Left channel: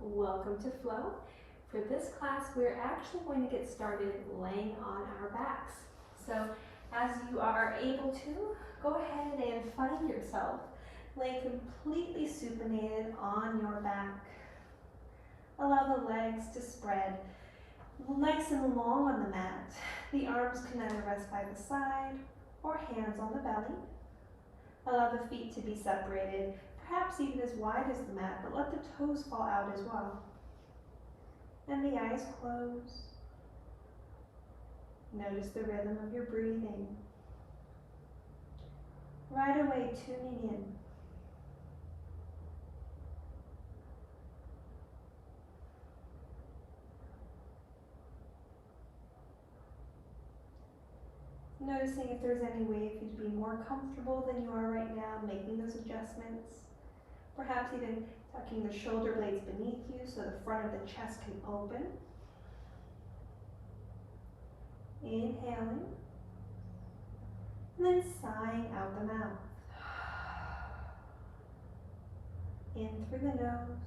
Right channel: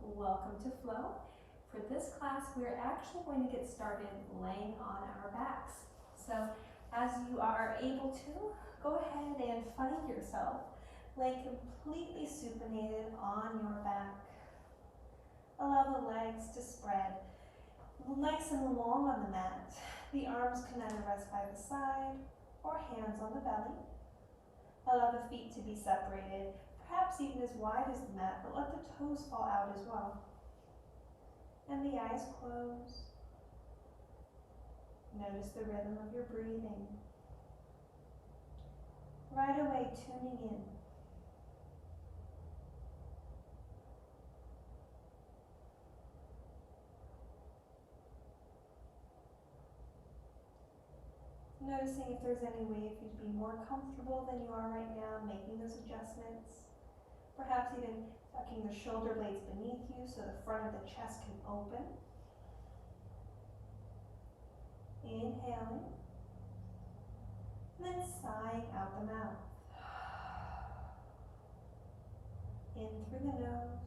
welcome to Flow. For this class, we're actually going to get started laying on our backs. So as you are able to, go ahead and find yourself laying completely supinated on your back. Allow the legs to spread nice and long on the mat. The arms can either rest by the side or hands on the belly. Allow the feet to be separated, perhaps even as wide as the mat, but let the toes fall out as well. And the eyes close. Notice the rhythm of your breathing. Right away, tuning in. Noticing if there's any way for you to be more comfortable than you are right now, making those adjustments. Perhaps even tucking the shoulder blades beneath you so the front of the chest can open. Inhaling, and then sighing out the mouth. In through the nose,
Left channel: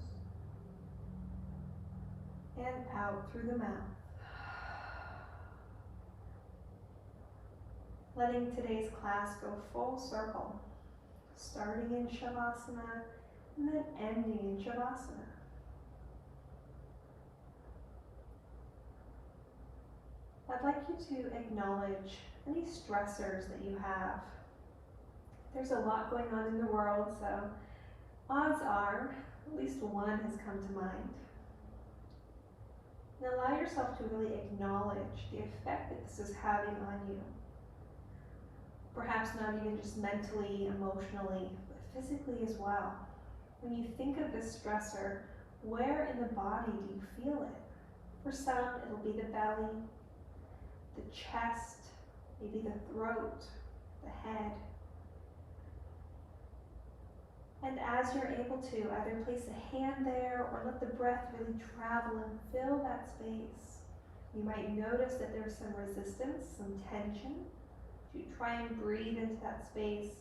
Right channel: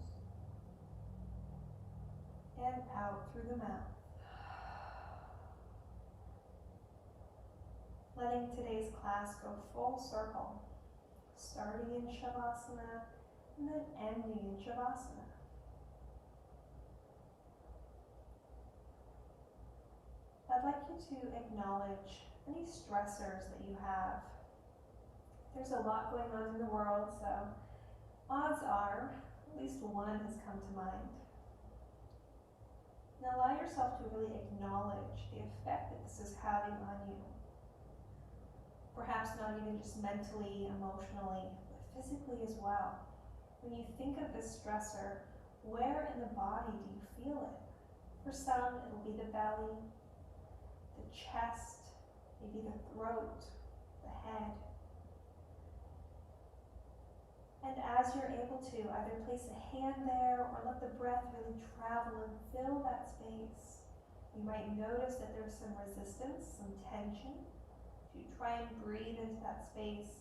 and out through the mouth. Letting today's class go full circle, starting in Shavasana and then ending in Shavasana. I'd like you to acknowledge any stressors that you have. There's a lot going on in the world, so odds are at least one has come to mind. And allow yourself to really acknowledge the effect that this is having on you. Perhaps not even just mentally, emotionally, but physically as well. When you think of this stressor, where in the body do you feel it? For some, it'll be the belly, the chest, maybe the throat, the head. And as you're able to, either place a hand there or let the breath really travel and fill that space. You might notice that there's some resistance, some tension. You try and breathe into that space.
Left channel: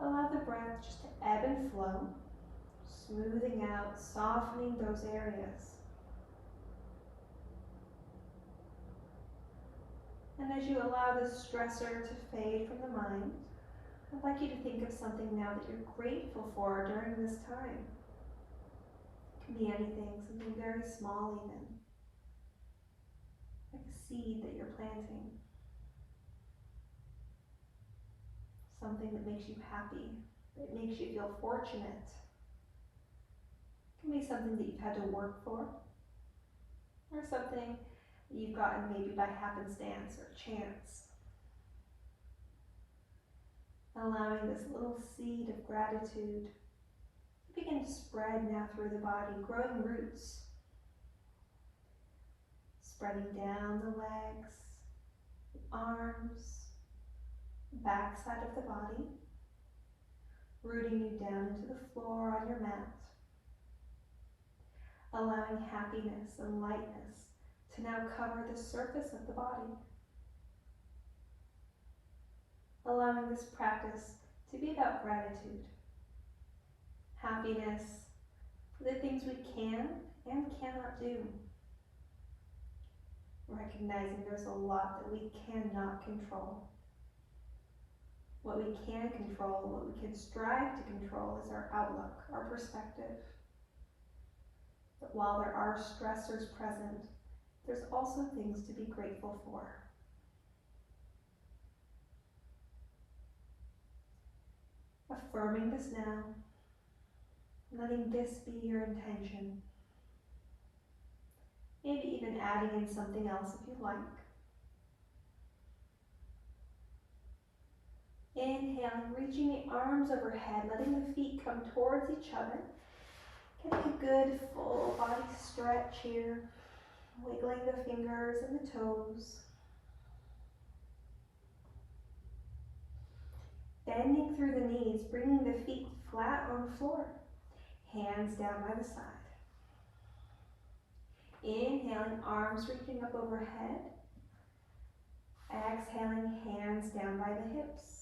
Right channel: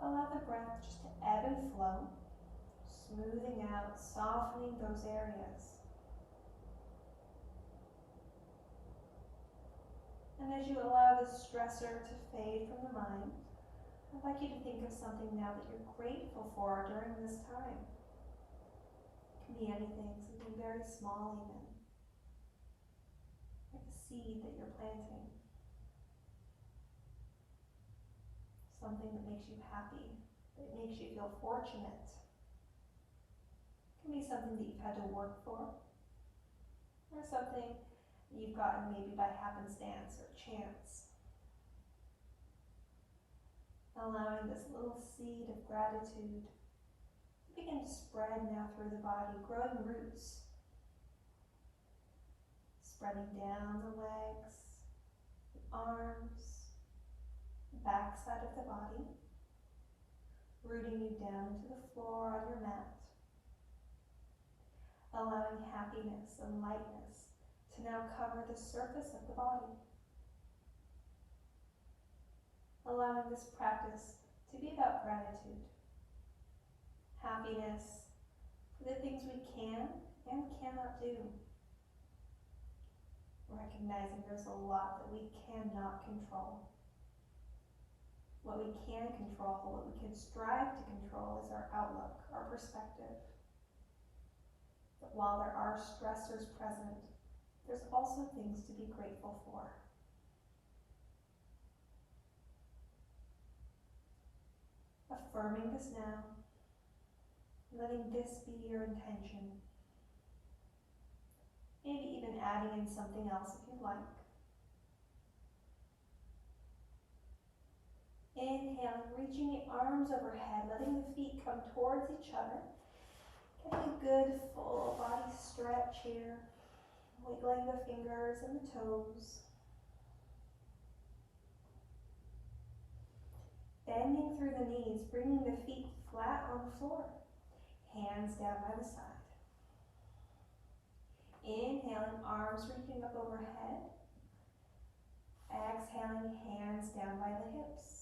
Allow the breath just to ebb and flow, smoothing out, softening those areas. And as you allow the stressor to fade from the mind, I'd like you to think of something now that you're grateful for during this time. It can be anything, something very small even, like a seed that you're planting. Something that makes you happy, that makes you feel fortunate. It can be something that you've had to work for, or something that you've gotten maybe by happenstance or chance. Allowing this little seed of gratitude to begin to spread now through the body, growing roots, spreading down the legs, the arms, back side of the body, rooting you down into the floor on your mat, allowing happiness and lightness to now cover the surface of the body, allowing this practice to be about gratitude, happiness for the things we can and cannot do, recognizing there's a lot that we cannot control. What we can control, what we can strive to control is our outlook, our perspective. But while there are stressors present, there's also things to be grateful for. Affirming this now, letting this be your intention. Maybe even adding in something else if you like. Inhaling, reaching the arms overhead, letting the feet come towards each other. Getting a good full body stretch here. Wiggling the fingers and the toes. Bending through the knees, bringing the feet flat on the floor. Hands down by the side. Inhaling, arms reaching up overhead. Exhaling, hands down by the hips.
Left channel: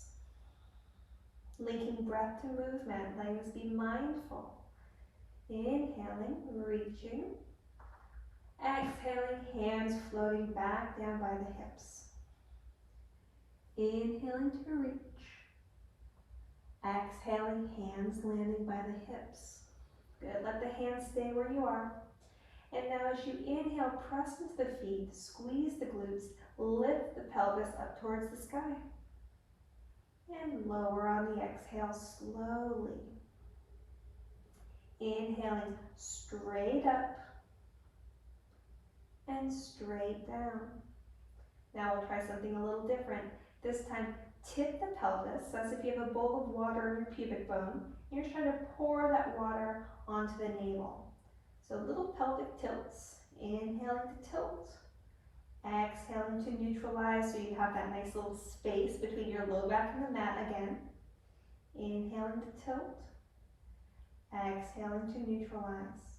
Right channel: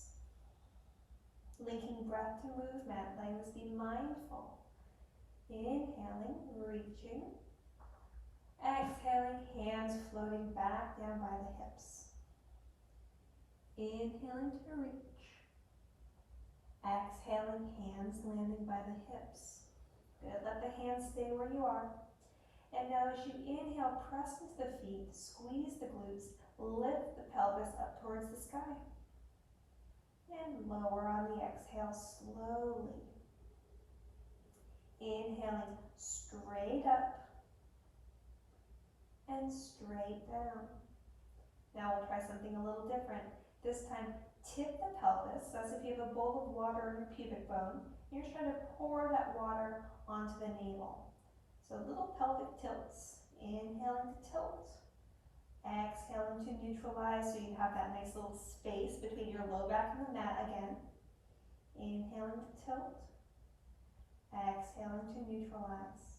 Linking breath to movement, letting us be mindful. Inhaling Inhaling, reaching. Exhaling, hands floating back down by the hips. Inhaling to reach. Exhaling, hands landing by the hips. Good, let the hands stay where you are. And now as you inhale, press into the feet, squeeze the glutes, lift the pelvis up towards the sky. And lower on the exhale slowly. Inhaling straight up and straight down. Now we'll try something a little different. This time, tip the pelvis as if you have a bowl of water in your pubic bone. You're trying to pour that water onto the navel. So little pelvic tilts. Inhaling to tilt. Exhaling to neutralize so you have that nice little space between your low back and the mat again. Inhaling to tilt. Exhaling to neutralize.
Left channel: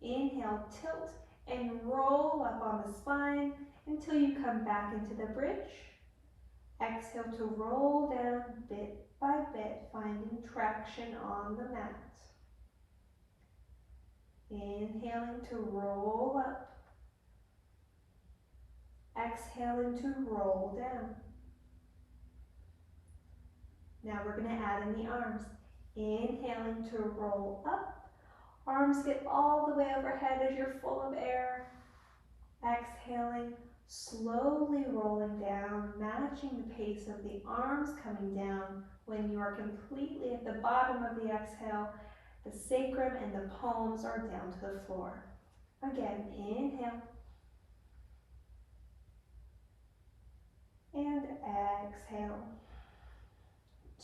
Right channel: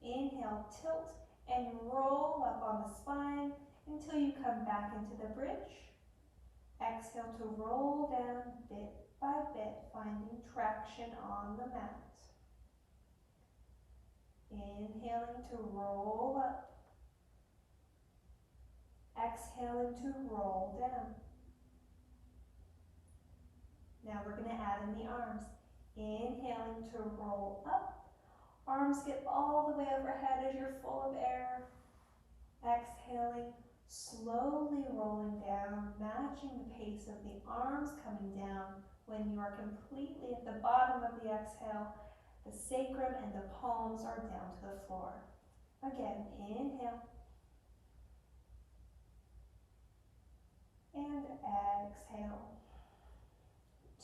Inhale, tilt, and roll up on the spine until you come back into the bridge. Exhale to roll down bit by bit, finding traction on the mat. Inhaling to roll up. Exhaling to roll down. Now we're going to add in the arms. Inhaling to roll up. Arms get all the way overhead as you're full of air. Exhaling, slowly rolling down, matching the pace of the arms coming down. When you are completely at the bottom of the exhale, the sacrum and the palms are down to the floor. Again, inhale. And exhale.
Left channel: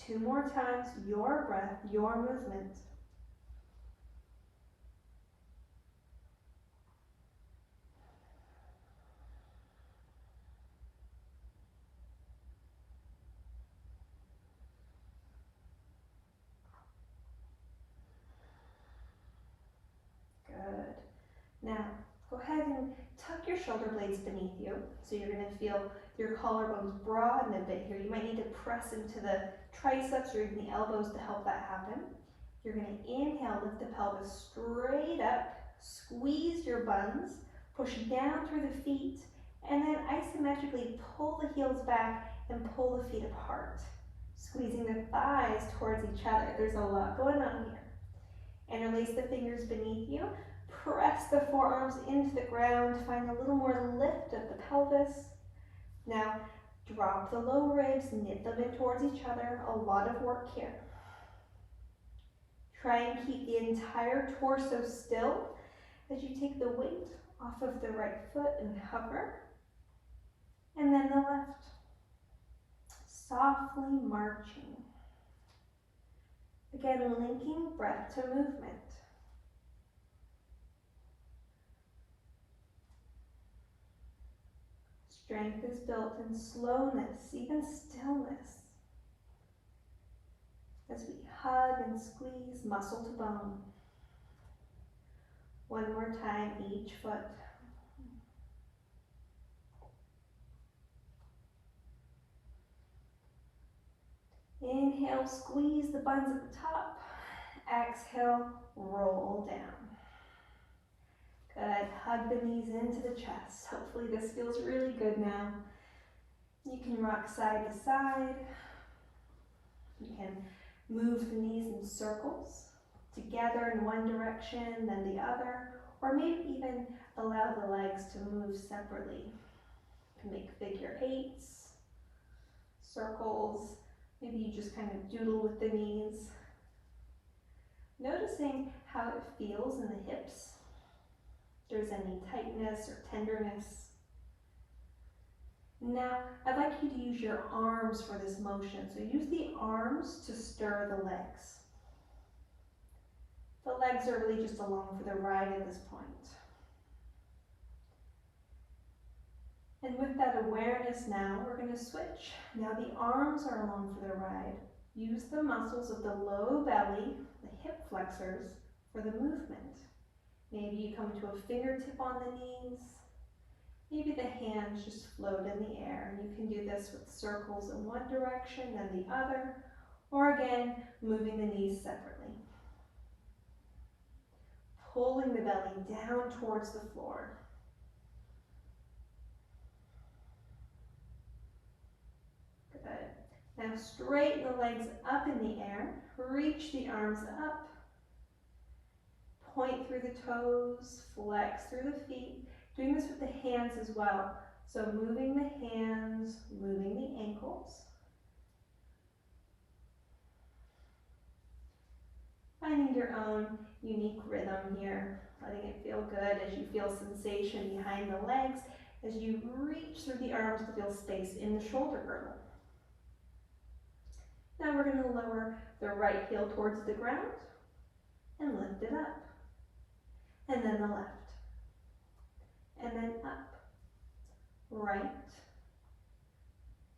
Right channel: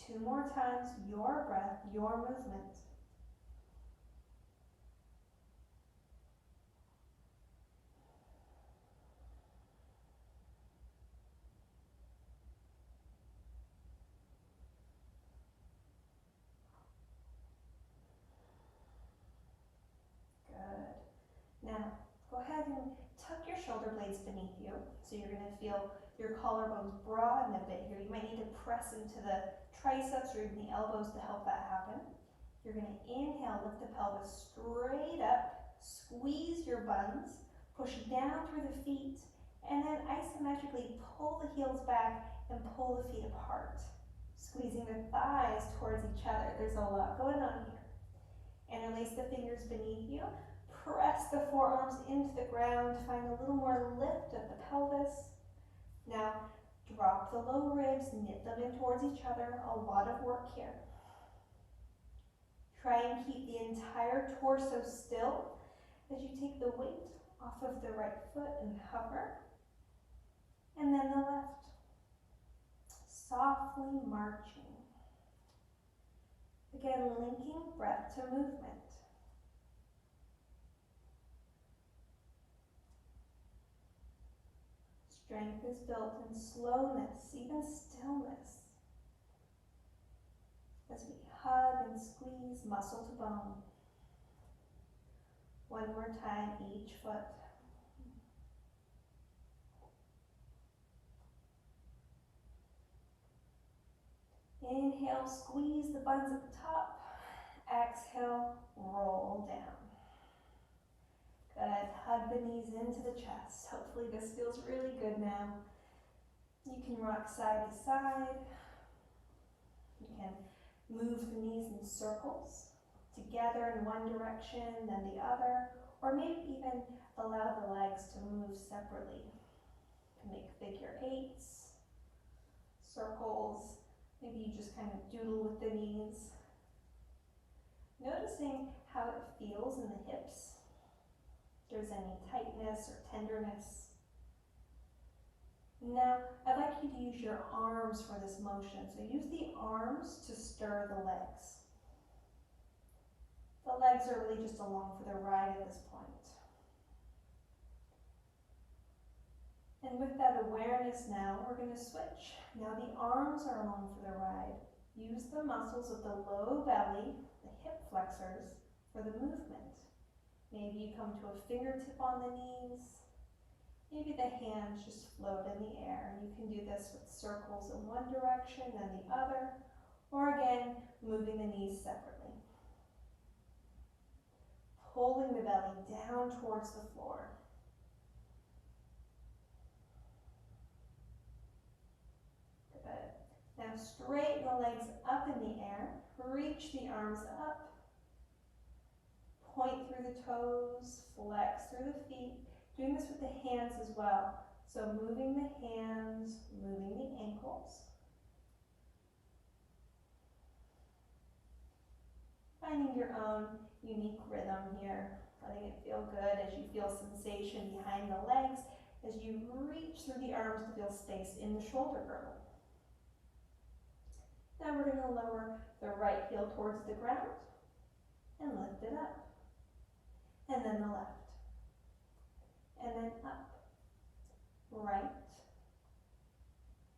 2 more times, your breath, your movement. Good. Now, go ahead and tuck your shoulder blades beneath you. So you're going to feel your collarbones broaden a bit here. You might need to press into the triceps or even the elbows to help that happen. You're going to inhale, lift the pelvis straight up, squeeze your buns, push down through the feet, and then isometrically pull the heels back and pull the feet apart, squeezing the thighs towards each other. There's a lot going on here. Interlace the fingers beneath you. Press the forearms into the ground. Find a little more lift of the pelvis. Now, drop the low ribs, knit them in towards each other. A lot of work here. Try and keep the entire torso still as you take the weight off of the right foot and hover. And then the left. Softly marching. Again, linking breath to movement. Strength is built in slowness, even stillness, as we hug and squeeze muscle to bone. One more time, each foot. Inhale, squeeze the buns at the top. Exhale, roll down. Good, hug the knees into the chest. Hopefully this feels really good now. You can rock side to side. You can move the knees in circles, together in one direction, then the other, or maybe even allow the legs to move separately. You can make figure eights, circles, maybe you just kind of doodle with the knees. Noticing how it feels in the hips. If there's any tightness or tenderness. Now, I'd like you to use your arms for this motion. So use the arms to stir the legs. The legs are really just along for the ride at this point. And with that awareness now, we're going to switch. Now the arms are along for the ride. Use the muscles of the low belly, the hip flexors, for the movement. Maybe you come to a fingertip on the knees. Maybe the hands just float in the air. And you can do this with circles in one direction and the other, or again, moving the knees separately. pulling the belly down towards the floor. Good. Now straighten the legs up in the air. Reach the arms up. Point through the toes, flex through the feet. Doing this with the hands as well. So moving the hands, moving the ankles. Finding your own unique rhythm here. Letting it feel good as you feel sensation behind the legs, as you reach through the arms to feel space in the shoulder girdle. Now we're going to lower the right heel towards the ground and lift it up. And then the left. And then up. Right.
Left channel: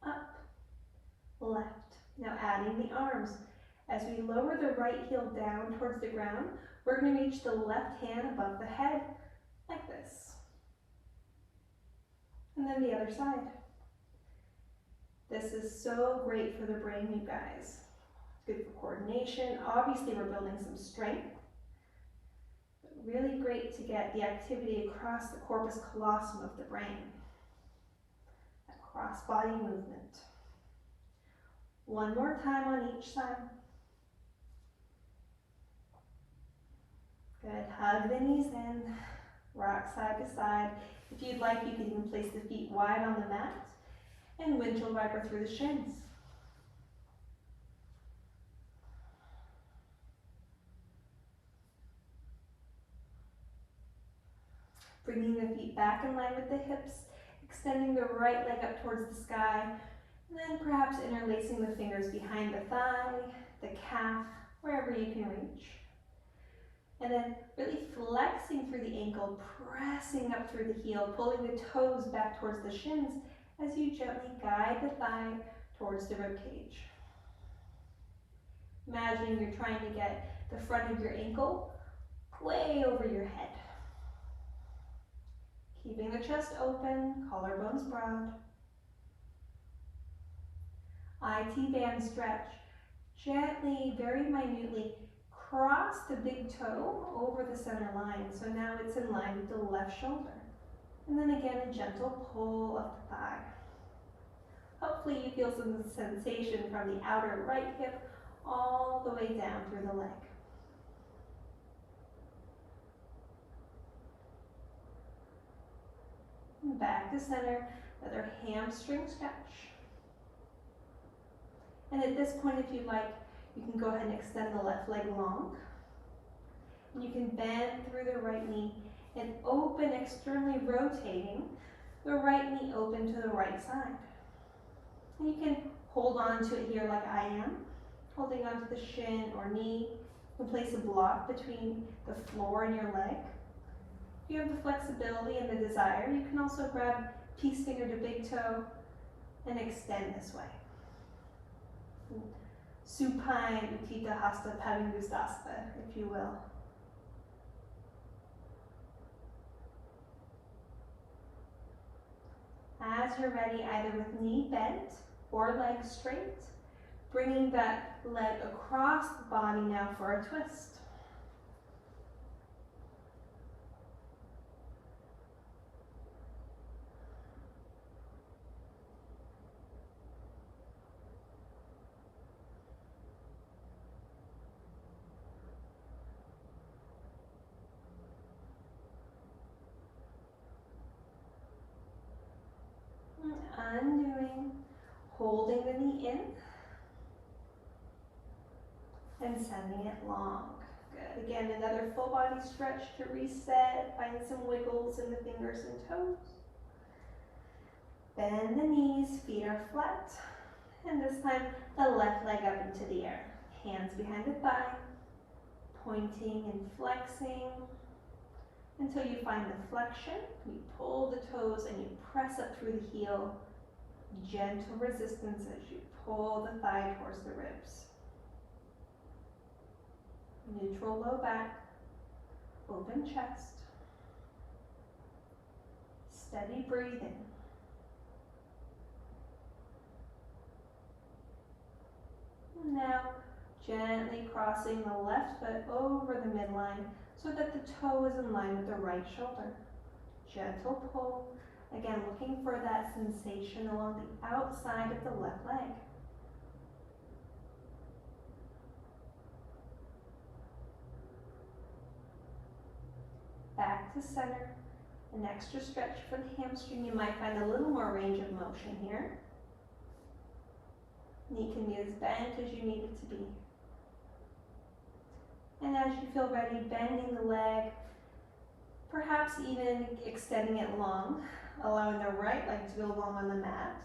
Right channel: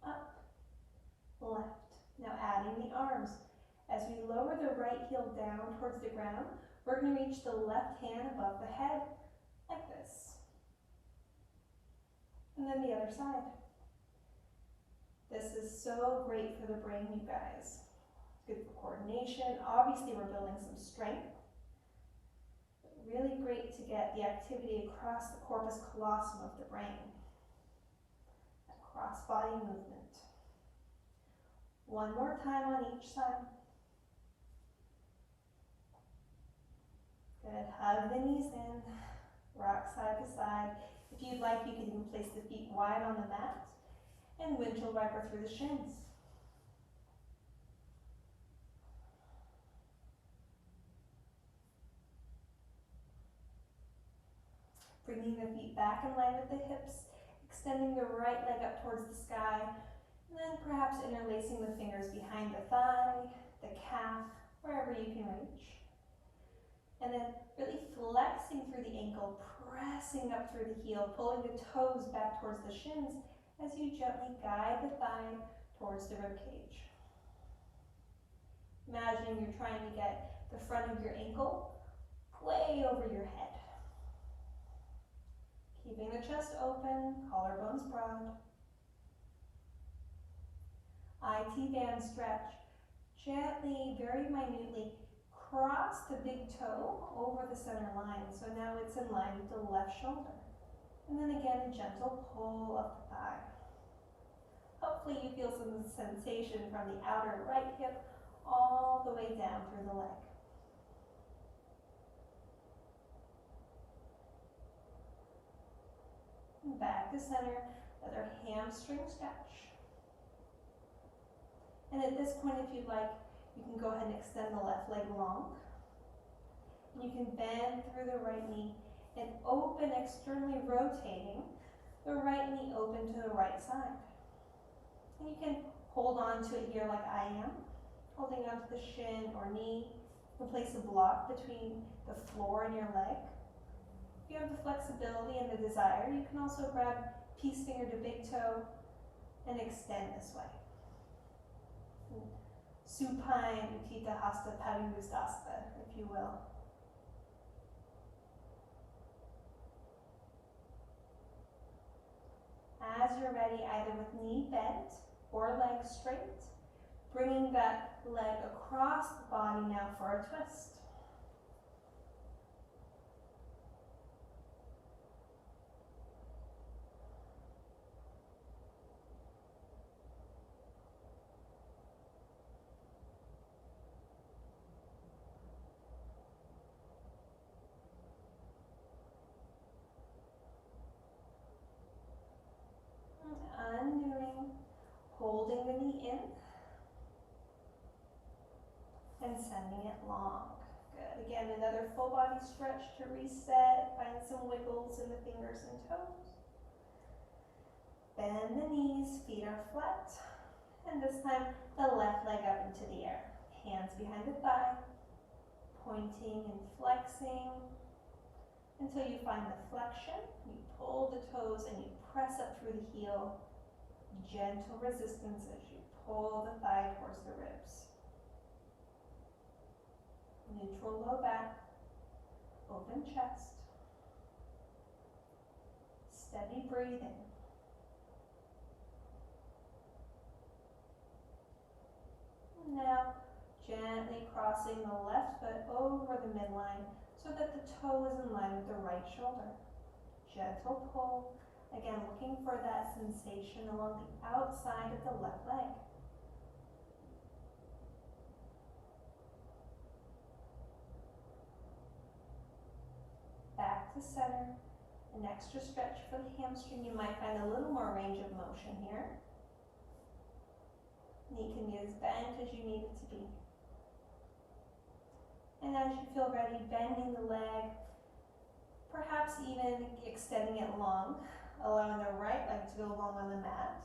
Up. Left. Now adding the arms. As we lower the right heel down towards the ground, we're going to reach the left hand above the head, like this. And then the other side. This is so great for the brain, you guys. Good for coordination. Obviously, we're building some strength. But really great to get the activity across the corpus callosum of the brain. That cross-body movement. One more time on each side. Good, hug the knees in, rock side to side. If you'd like, you can even place the feet wide on the mat and windshield wiper through the shins. Bringing the feet back in line with the hips, extending the right leg up towards the sky, and then perhaps interlacing the fingers behind the thigh, the calf, wherever you can reach. And then really flexing through the ankle, pressing up through the heel, pulling the toes back towards the shins as you gently guide the thigh towards the rib cage. Imagining you're trying to get the front of your ankle way over your head. Keeping the chest open, collarbones broad. IT band stretch. Gently, very minutely, cross the big toe over the center line. So now it's in line with the left shoulder. And then again, a gentle pull of the thigh. Hopefully you feel some sensation from the outer right hip all the way down through the leg. And back to center, another hamstring stretch. And at this point, if you'd like, you can go ahead and extend the left leg long. And you can bend through the right knee and open, externally rotating the right knee open to the right side. And you can hold on to it here like I am, holding on to the shin or knee. You can place a block between the floor and your leg. If you have the flexibility and the desire, you can also grab peace finger to big toe and extend this way. Supine Utthita Hasta Padangusthasta, if you will. As you're ready, either with knee bent or leg straight, bringing that leg across the body now for a twist. Undoing, holding the knee in, and sending it long. Good. Again, another full body stretch to reset. Find some wiggles in the fingers and toes. Bend the knees, feet are flat. And this time, the left leg up into the air. Hands behind the thigh, pointing and flexing until you find the flexion. You pull the toes and you press up through the heel. Gentle resistance as you pull the thigh towards the ribs. Neutral low back, open chest. Steady breathing. Now, gently crossing the left foot over the midline, so that the toe is in line with the right shoulder. Gentle pull, again looking for that sensation along the outside of the left leg. Back to center. An extra stretch for the hamstring. You might find a little more range of motion here. Knee can be as bent as you need it to be. And as you feel ready, bending the leg, perhaps even extending it long, allowing the right leg to go long on the mat.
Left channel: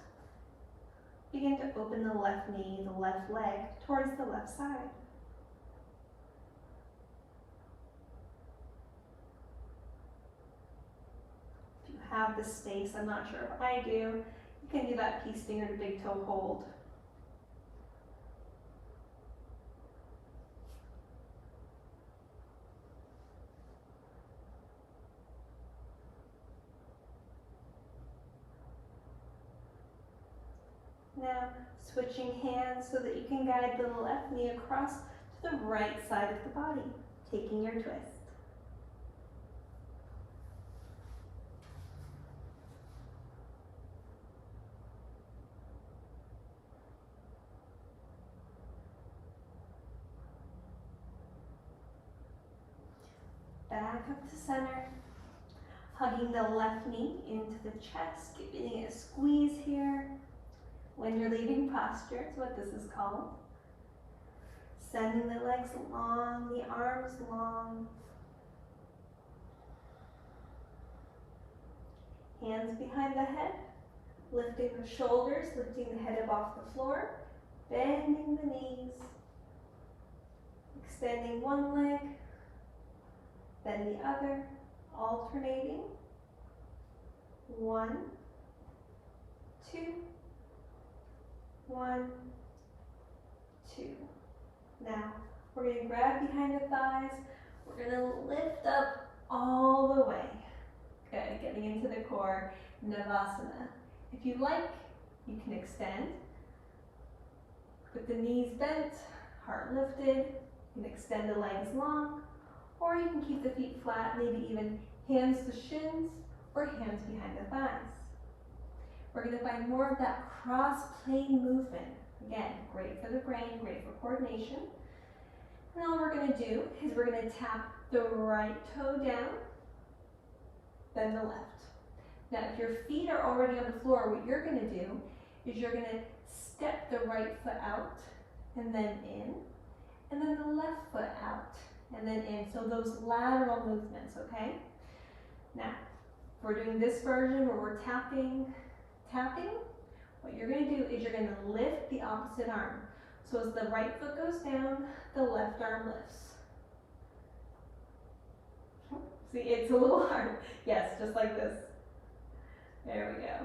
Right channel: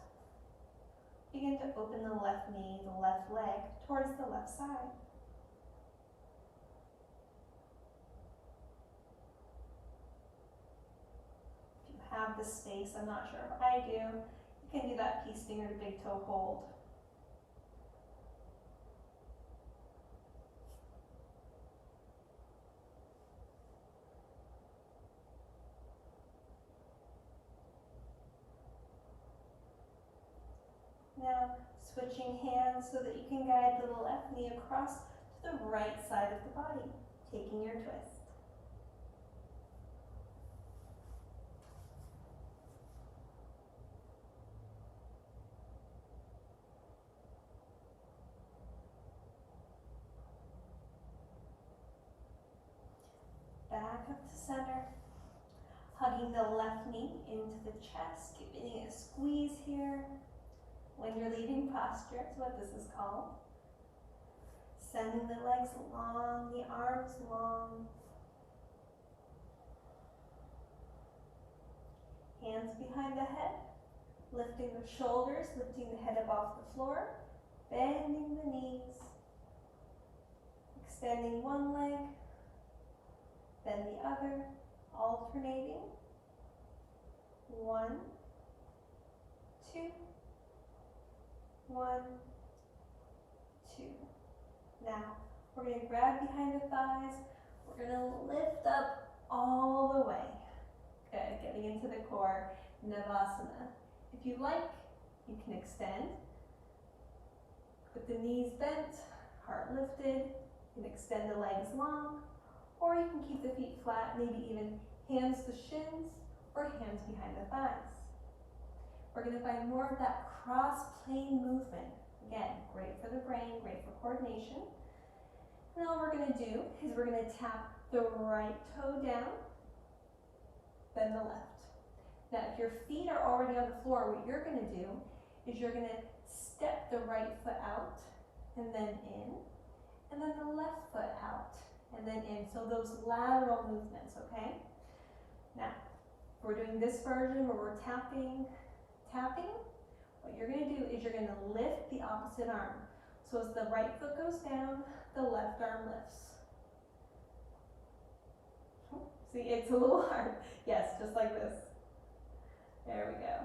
Begin to open the left knee, the left leg, towards the left side. If you have the space, I'm not sure if I do, you can do that peace finger to big toe hold. Now, switching hands so that you can guide the left knee across to the right side of the body, taking your twist. Back up to center, hugging the left knee into the chest, giving it a squeeze here. When you're leaving posture, is what this is called. Sending the legs long, the arms long. Hands behind the head, lifting the shoulders, lifting the head up off the floor, bending the knees, extending one leg, then the other, alternating. 1, 2, 1, 2. Now, we're going to grab behind the thighs. We're going to lift up all the way. Good, getting into the core, Navasana. If you like, you can extend with the knees bent, heart lifted. You can extend the legs long, or you can keep the feet flat, maybe even hands to shins or hands behind the thighs. We're going to find more of that cross-plane movement. Again, great for the brain, great for coordination. And all we're going to do is we're going to tap the right toe down, then the left. Now, if your feet are already on the floor, what you're going to do is you're going to step the right foot out and then in, and then the left foot out and then in. So those lateral movements, okay? Now, if we're doing this version where we're tapping, what you're going to do is you're going to lift the opposite arm. So as the right foot goes down, the left arm lifts. See, it's a little hard. Yes, just like this. There we go.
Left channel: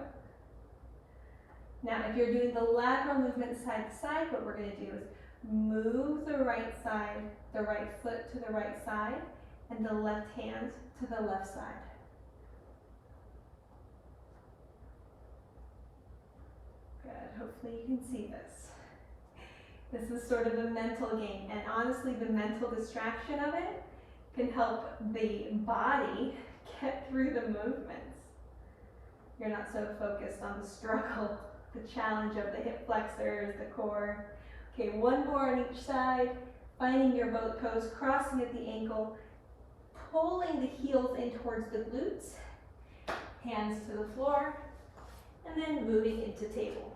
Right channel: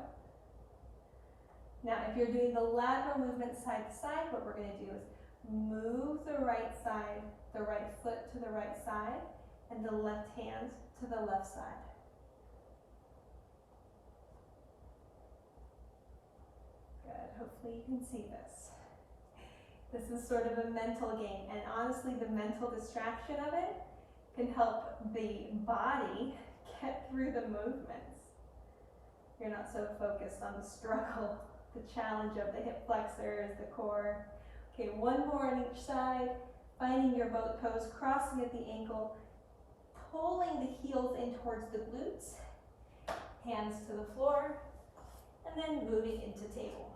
Now, if you're doing the lateral movement side to side, what we're going to do is move the right side, the right foot to the right side, and the left hand to the left side. Good, hopefully you can see this. This is sort of a mental game, and honestly, the mental distraction of it can help the body get through the movements. You're not so focused on the struggle, the challenge of the hip flexors, the core. Okay, one more on each side, finding your boat pose, crossing at the ankle, pulling the heels in towards the glutes, hands to the floor, and then moving into table.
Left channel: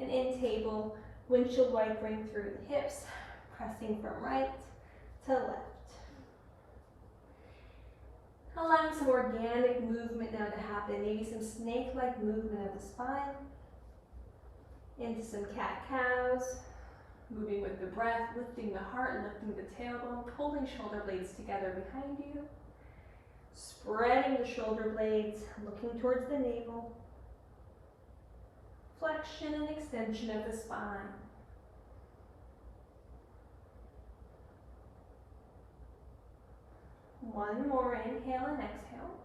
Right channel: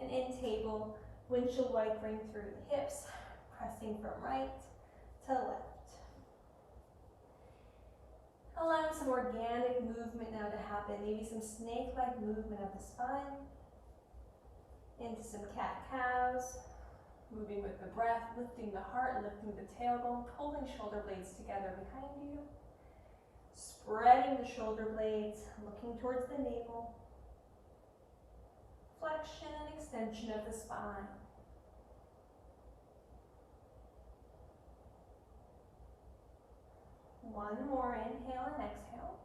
And in table, windshield wipering through the hips, pressing from right to left. Allowing some organic movement now to happen, maybe some snake-like movement of the spine, into some cat-cows, moving with the breath, lifting the heart, lifting the tailbone, pulling shoulder blades together behind you, spreading the shoulder blades, looking towards the navel, flexion and extension of the spine. One more, inhale and exhale.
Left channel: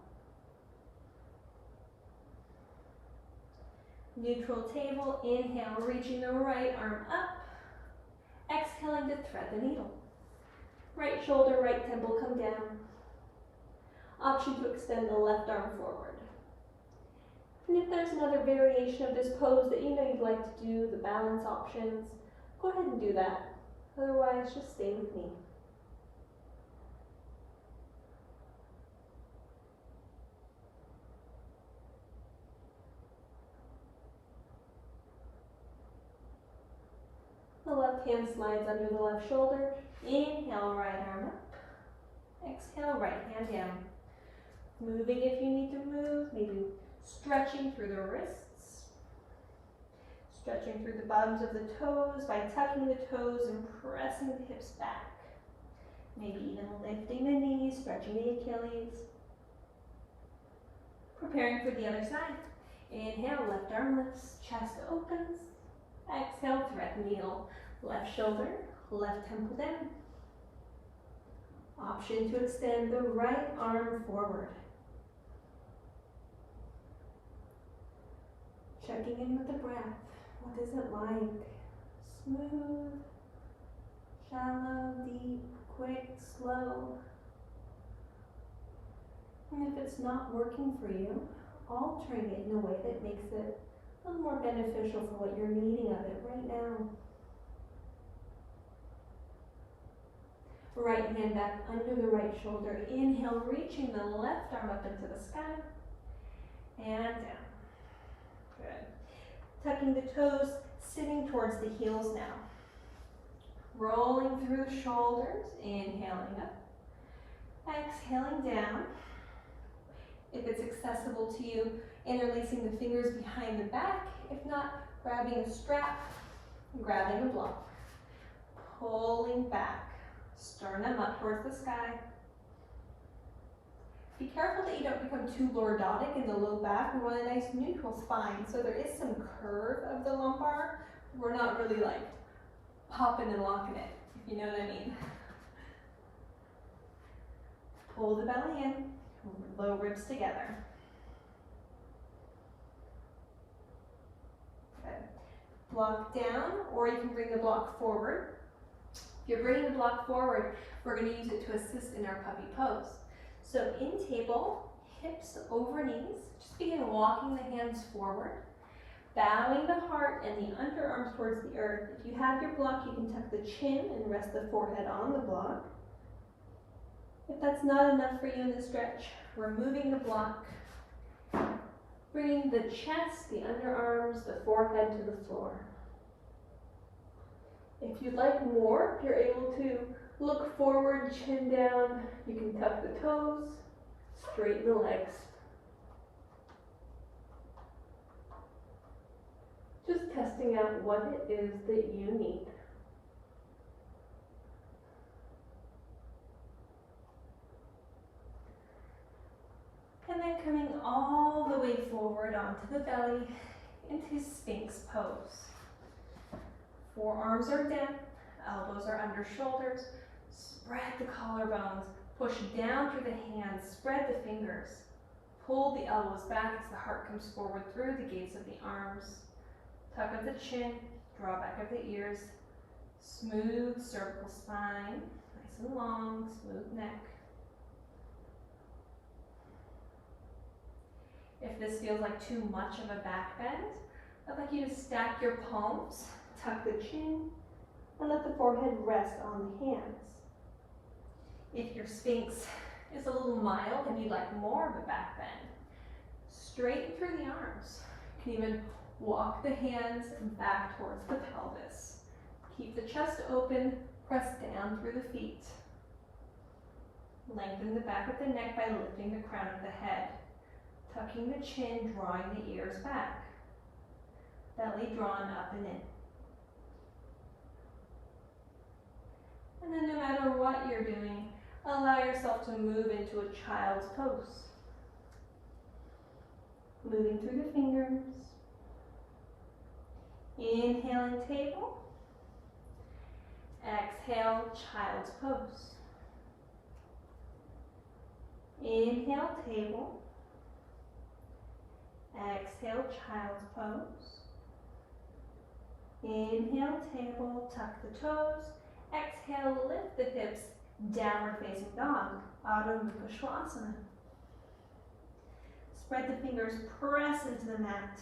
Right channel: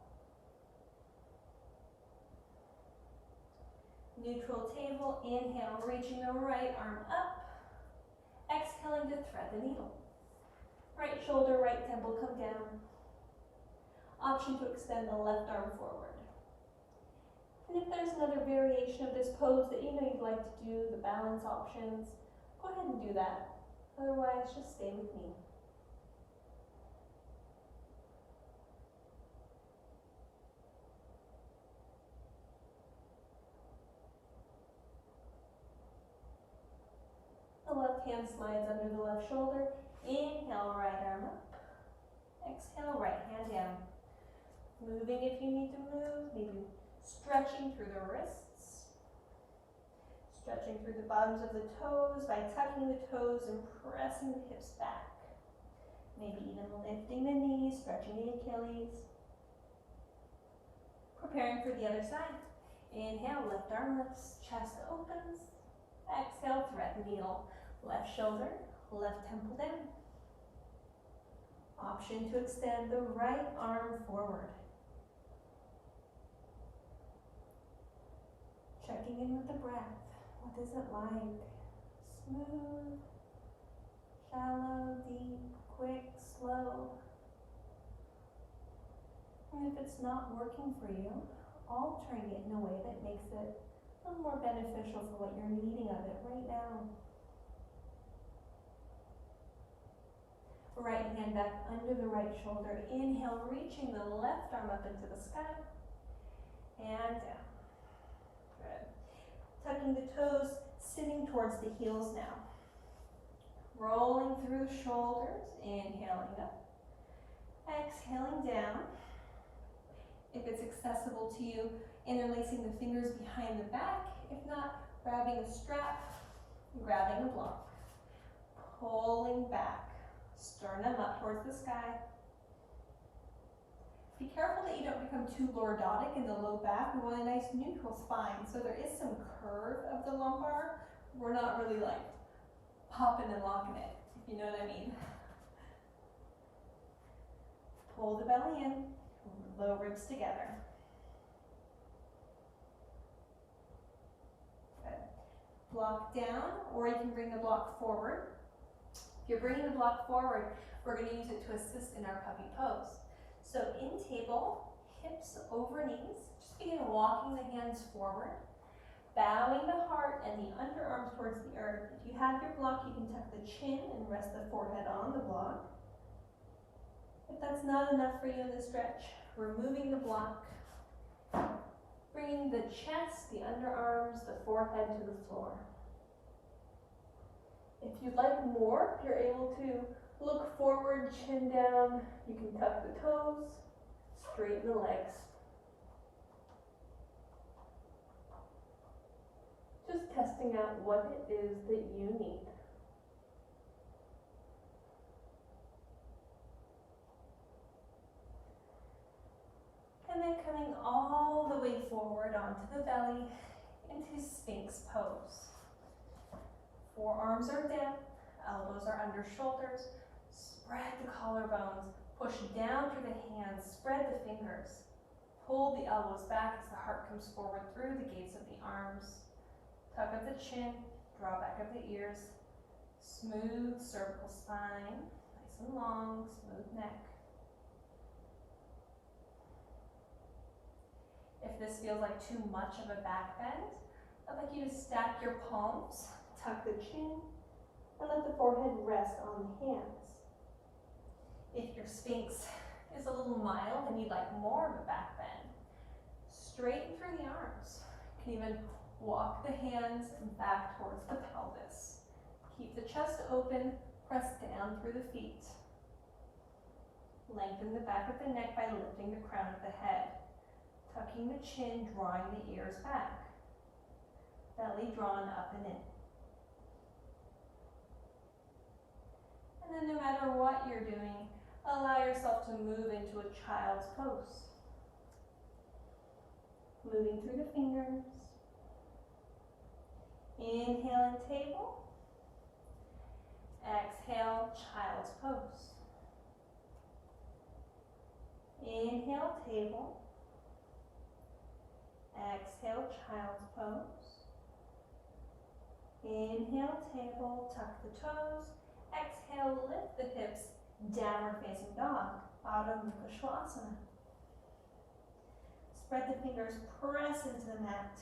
Neutral table, inhale, reaching the right arm up. Exhaling to thread the needle. Right shoulder, right temple come down. Option to extend the left arm forward. And if there's another variation of this pose that you know you'd like to do, the balance options, go ahead and do that. Otherwise, just stay with me. The left hand slides under the left shoulder. Inhale, right arm up. Exhale, right hand down. Moving if you need to move, maybe stretching through the wrists. Stretching through the bottoms of the toes by tucking the toes and pressing the hips back. Maybe even lifting the knees, stretching the Achilles. Preparing for the other side. Inhale, left arm lifts, chest opens. Exhale, thread the needle. Left shoulder, left temple down. Option to extend the right arm forward. Checking in with the breath. What is it like? Smooth, shallow, deep, quick, slow. And if it's not working for you, altering it in a way that makes it a little more beneficial for what you're needing of it right now. Right hand back under the right shoulder. Inhale, reaching the left arm up into the sky. And down. Good. Tucking the toes, sitting towards the heels now. Rolling through the shoulders, inhaling up. Exhaling down. If it's accessible to you, interlacing the fingers behind the back. If not, grabbing a strap, grabbing a block. Pulling back. Sternum up towards the sky. Be careful that you don't become too lordotic in the low back. We want a nice neutral spine. So there is some curve of the lumbar. We're not really like popping and locking it, if you know what I mean. Pull the belly in, low ribs together. Good. Block down, or you can bring the block forward. If you're bringing the block forward, we're going to use it to assist in our puppy pose. So in table, hips over knees, just begin walking the hands forward, bowing the heart and the underarms towards the earth. If you have your block, you can tuck the chin and rest the forehead on the block. If that's not enough for you in the stretch, removing the block, bringing the chest, the underarms, the forehead to the floor. If you'd like more, you're able to look forward, chin down. You can tuck the toes, straighten the legs. Just testing out what it is that you need. And then coming all the way forward onto the belly into Sphinx pose. Forearms are down, elbows are under shoulders. Spread the collarbones, push down through the hands, spread the fingers. Pull the elbows back as the heart comes forward through the gates of the arms. Tuck up the chin, draw back of the ears. Smooth cervical spine, nice and long, smooth neck. If this feels like too much of a back bend, I'd like you to stack your palms, tuck the chin, and let the forehead rest on the hands. If your Sphinx is a little mild and you'd like more of a back bend, straighten through the arms. You can even walk the hands back towards the pelvis. Keep the chest open, press down through the feet. Lengthen the back of the neck by lifting the crown of the head. Tucking the chin, drawing the ears back. Belly drawn up and in. And then no matter what you're doing, allow yourself to move into a child's pose. Moving through the fingers. Inhaling table. Exhale, child's pose. Inhale, table. Exhale, child's pose. Inhale, table, tuck the toes. Exhale, lift the hips Downward facing dog, Adho Mukha Svanasana. Spread the fingers, press into the mat.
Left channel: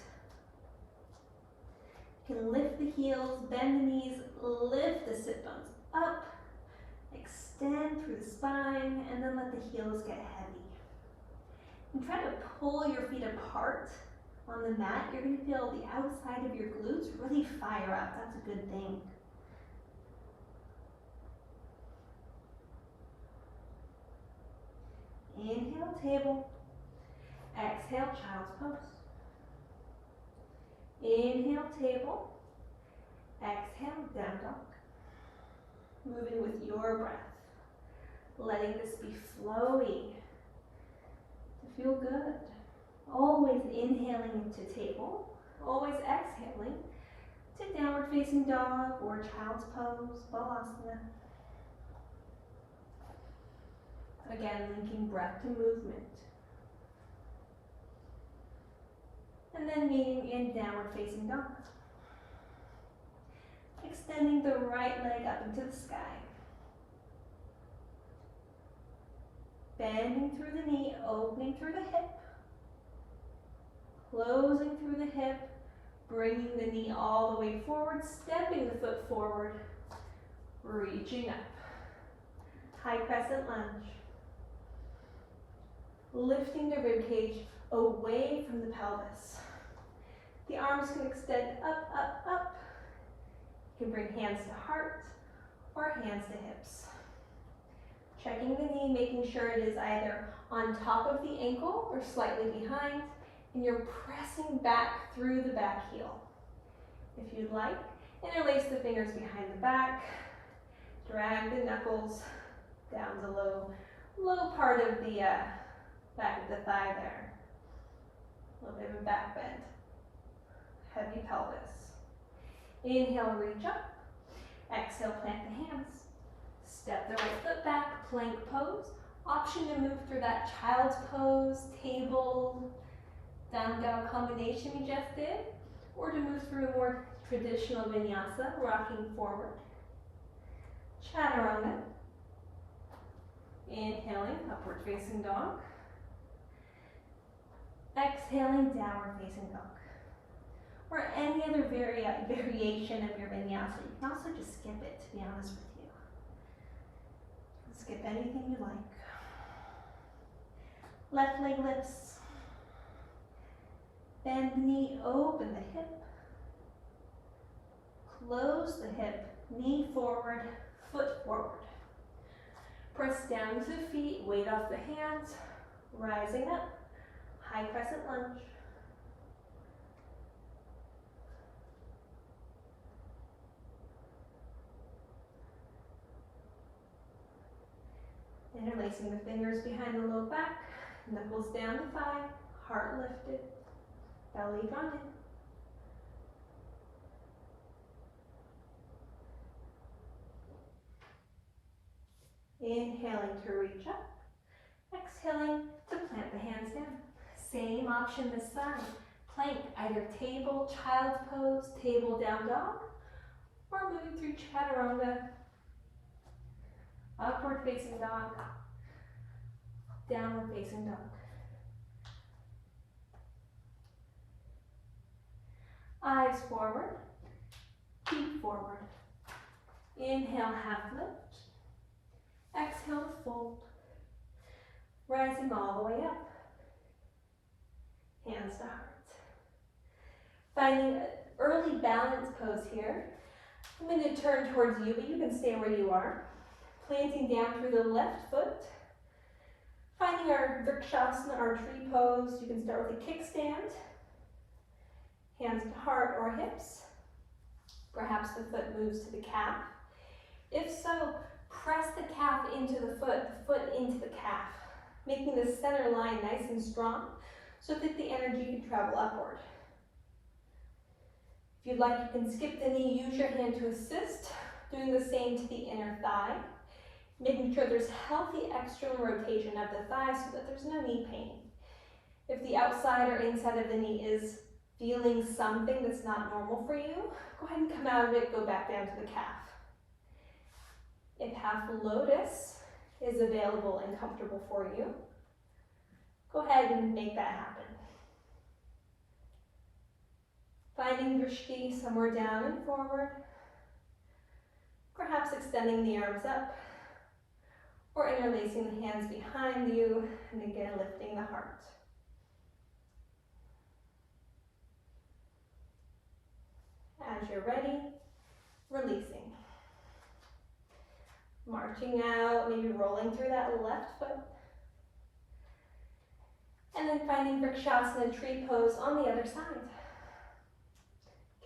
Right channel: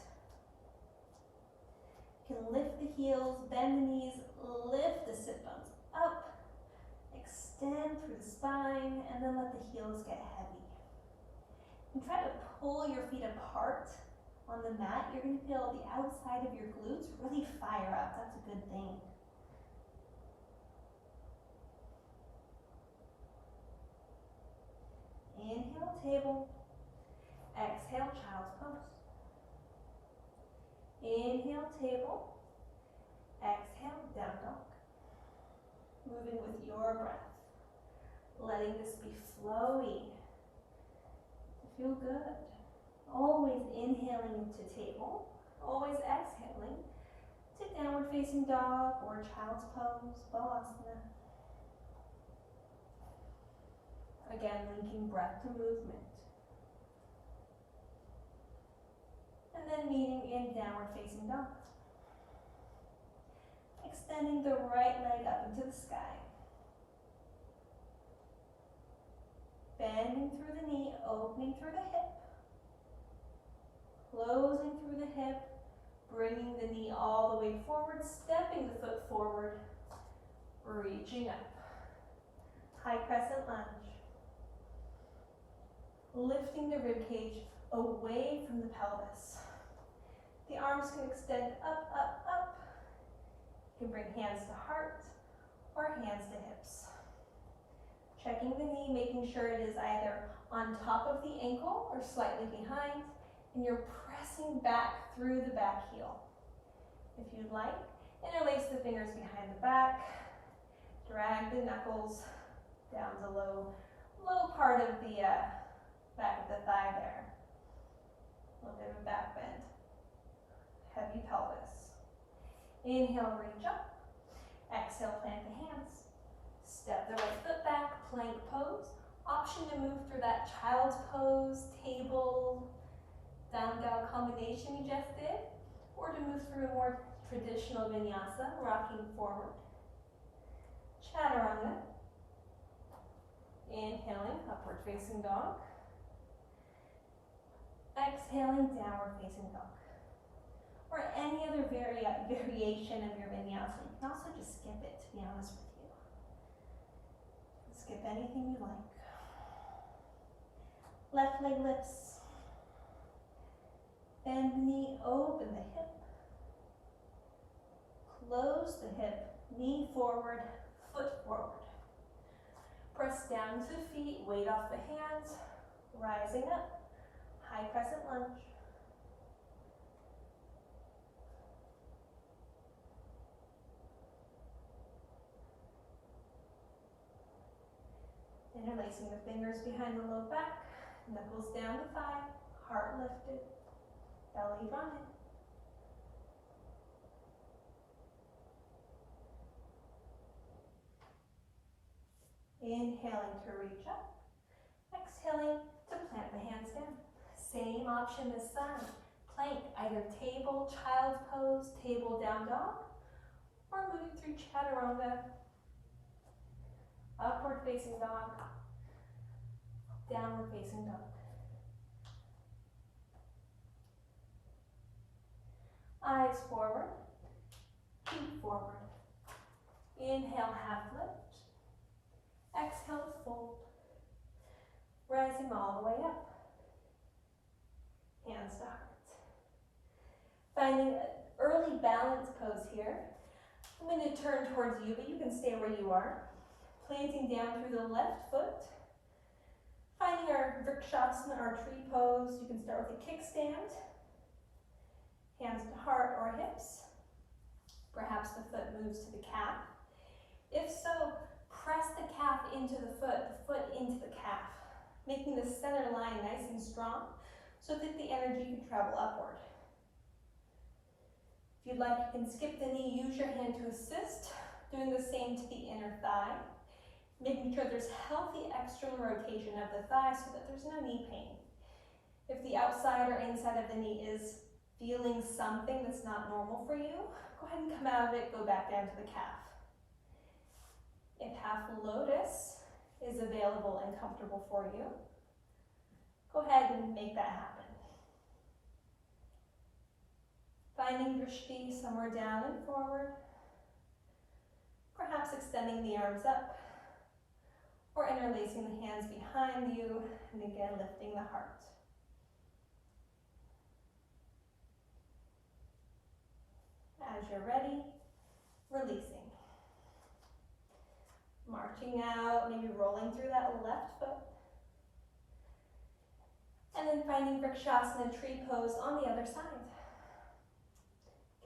You can lift the heels, bend the knees, lift the sit bones up, extend through the spine, and then let the heels get heavy. And try to pull your feet apart on the mat. You're going to feel the outside of your glutes really fire up. That's a good thing. Inhale, table. Exhale, child's pose. Inhale, table. Exhale, down dog. Moving with your breath. Letting this be flowy. To feel good. Always inhaling into table. Always exhaling to downward facing dog or child's pose, balasana. Again, linking breath to movement. And then meeting in downward facing dog. Extending the right leg up into the sky. Bending through the knee, opening through the hip. Closing through the hip, bringing the knee all the way forward, stepping the foot forward, reaching up. High crescent lunge. Lifting the ribcage away from the pelvis. The arms can extend up, up, up. You can bring hands to heart or hands to hips. Checking the knee, making sure it is either on top of the ankle or slightly behind, and you're pressing back through the back heel. If you'd like, interlace the fingers behind the back, drag the knuckles down the low part of the back of the thigh there. A little bit of a back bend. Heavy pelvis. Inhale, reach up. Exhale, plant the hands. Step the right foot back, plank pose. Option to move through that child's pose, table, down dog combination we just did, or to move through a more traditional vinyasa, rocking forward. Chaturanga. Inhaling, upward facing dog. Exhaling, downward facing dog. Or any other variation of your vinyasa. You can also just skip it, to be honest with you. Skip anything you like. Left leg lifts. Bend the knee, open the hip. Close the hip, knee forward, foot forward. Press down to the feet, weight off the hands, rising up, high crescent lunge. Interlacing the fingers behind the low back, knuckles down the thigh, heart lifted, belly drawn in. Inhaling to reach up, exhaling to plant the hands down. Same option this side. Plank, either table, child's pose, table down dog, or moving through chaturanga, upward facing dog, downward facing dog. Eyes forward, feet forward. Inhale, half lift. Exhale, fold. Rising all the way up. Hands to heart. Finding an early balance pose here. I'm going to turn towards you, but you can stay where you are. Planting down through the left foot. Finding our Vrikshasana, our tree pose. You can start with a kickstand. Hands to heart or hips. Perhaps the foot moves to the calf. If so, press the calf into the foot into the calf, making the center line nice and strong so that the energy can travel upward. If you'd like, you can skip the knee, use your hand to assist, doing the same to the inner thigh, making sure there's healthy external rotation of the thigh so that there's no knee pain. If the outside or inside of the knee is feeling something that's not normal for you, go ahead and come out of it, go back down to the calf. If half lotus, is available and comfortable for you, go ahead and make that happen. Finding drishti somewhere down and forward, perhaps extending the arms up, or interlacing the hands behind you, and again lifting the heart. As you're ready, releasing. Marching out, maybe rolling through that left foot. And then finding Vrikshasana tree pose on the other side.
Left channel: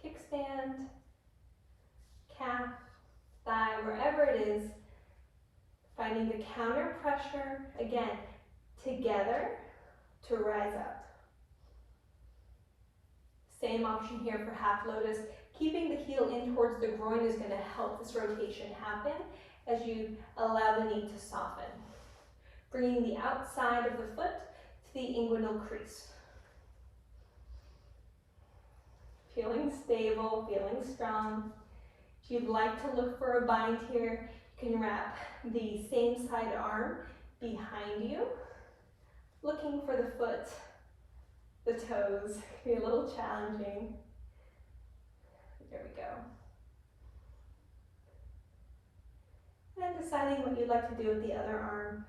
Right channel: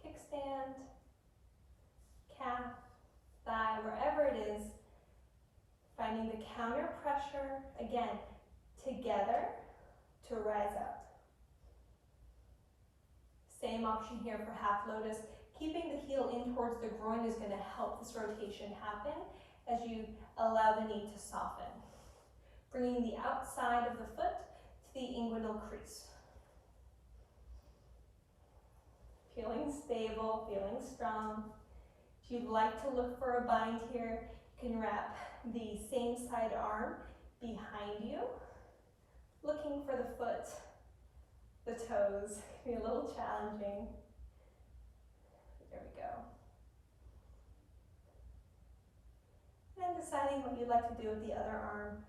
Kickstand, calf, thigh, wherever it is. Finding the counter pressure, again, together to rise up. Same option here for half lotus. Keeping the heel in towards the groin is going to help this rotation happen as you allow the knee to soften. Bringing the outside of the foot to the inguinal crease. Feeling stable, feeling strong. If you'd like to look for a bind here, you can wrap the same side arm behind you, looking for the foot, the toes. It can be a little challenging. There we go. And deciding what you'd like to do with the other arm.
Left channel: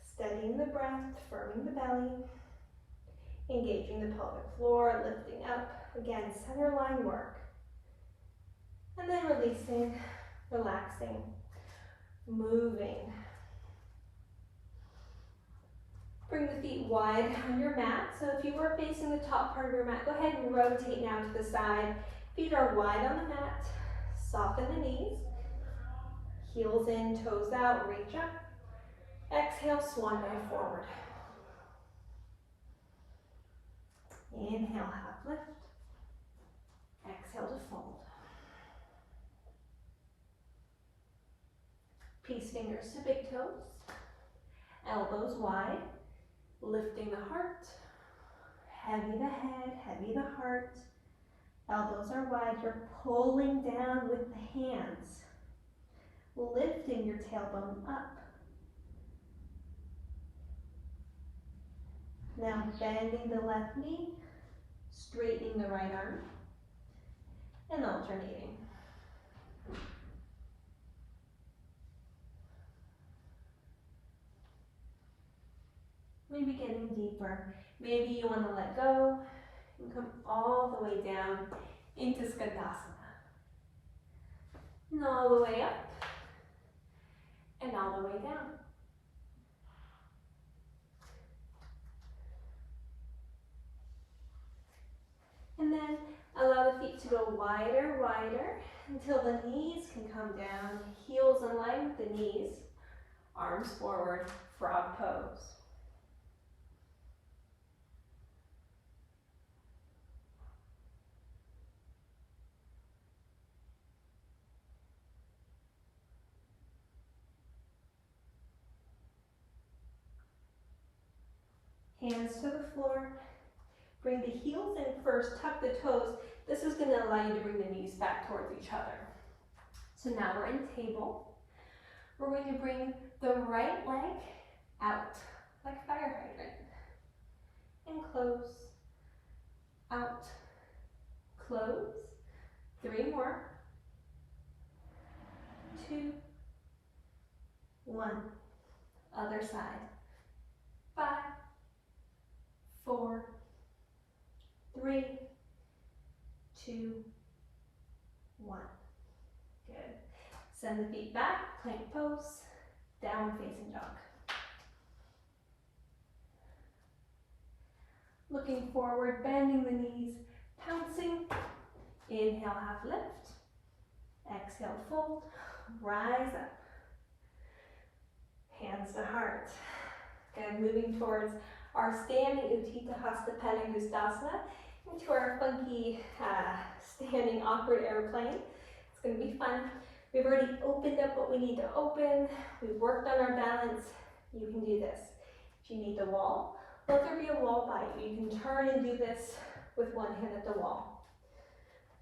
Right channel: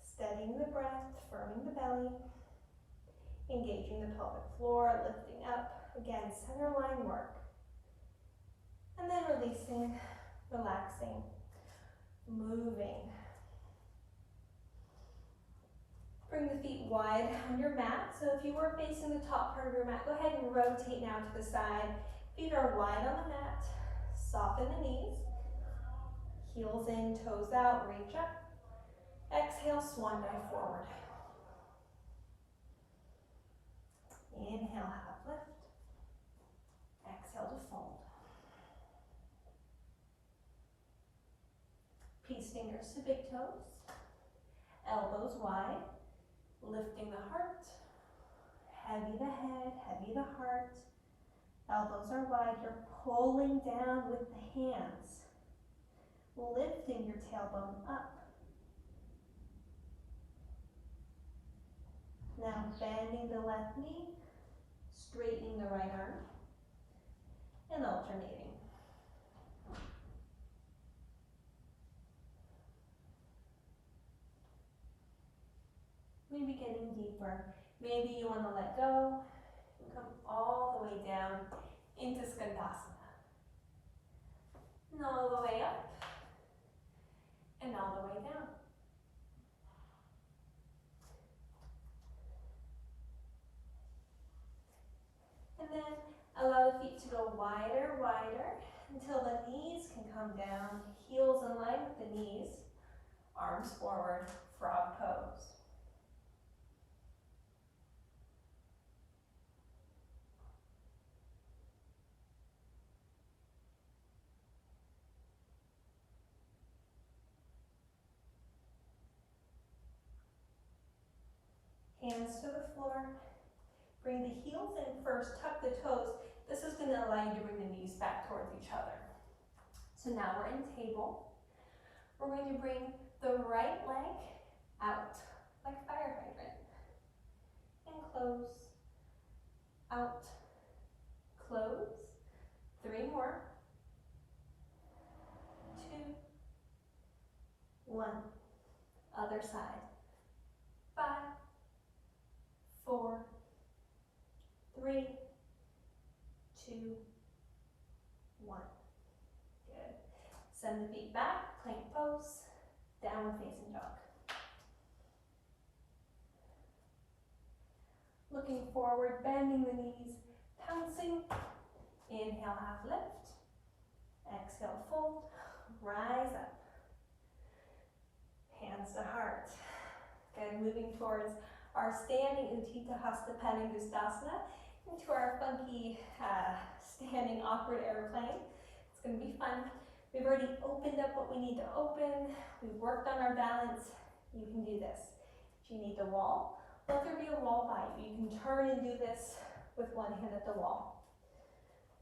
Steadying the breath, firming the belly, engaging the pelvic floor, lifting up. Again, center line work. And then releasing, relaxing, moving. Bring the feet wide on your mat. So if you were facing the top part of your mat, go ahead and rotate now to the side. Feet are wide on the mat. Soften the knees. Heels in, toes out, reach up. Exhale, swan dive forward. Inhale, half lift. Exhale to fold. Peace fingers to big toes. Elbows wide. Lifting the heart. Heavy the head, heavy the heart. Elbows are wide. You're pulling down with the hands. Lifting your tailbone up. Now bending the left knee, straightening the right arm, and alternating. Maybe getting deeper. Maybe you want to let go and come all the way down into Skandasana. And all the way up, and all the way down. And then allow the feet to go wider, wider, until the knees can come down, heels in line with the knees, arms forward, frog pose. Hands to the floor. Bring the heels in first, tuck the toes. This is going to allow you to bring the knees back towards each other. So now we're in table. We're going to bring the right leg out like fire hydrant. And close, out, close. 3 more. 2, 1. Other side. 5, 4, 3, 2, 1. Good. Send the feet back, plank pose, downward facing dog. Looking forward, bending the knees, pouncing. Inhale, half lift. Exhale, fold. Rise up. Hands to heart. Good. Moving towards our standing Utthita Hasta Pelangistasana into our funky standing awkward airplane. It's going to be fun. We've already opened up what we need to open. We've worked on our balance. You can do this. If you need the wall, let there be a wall by you. You can turn and do this with one hand at the wall.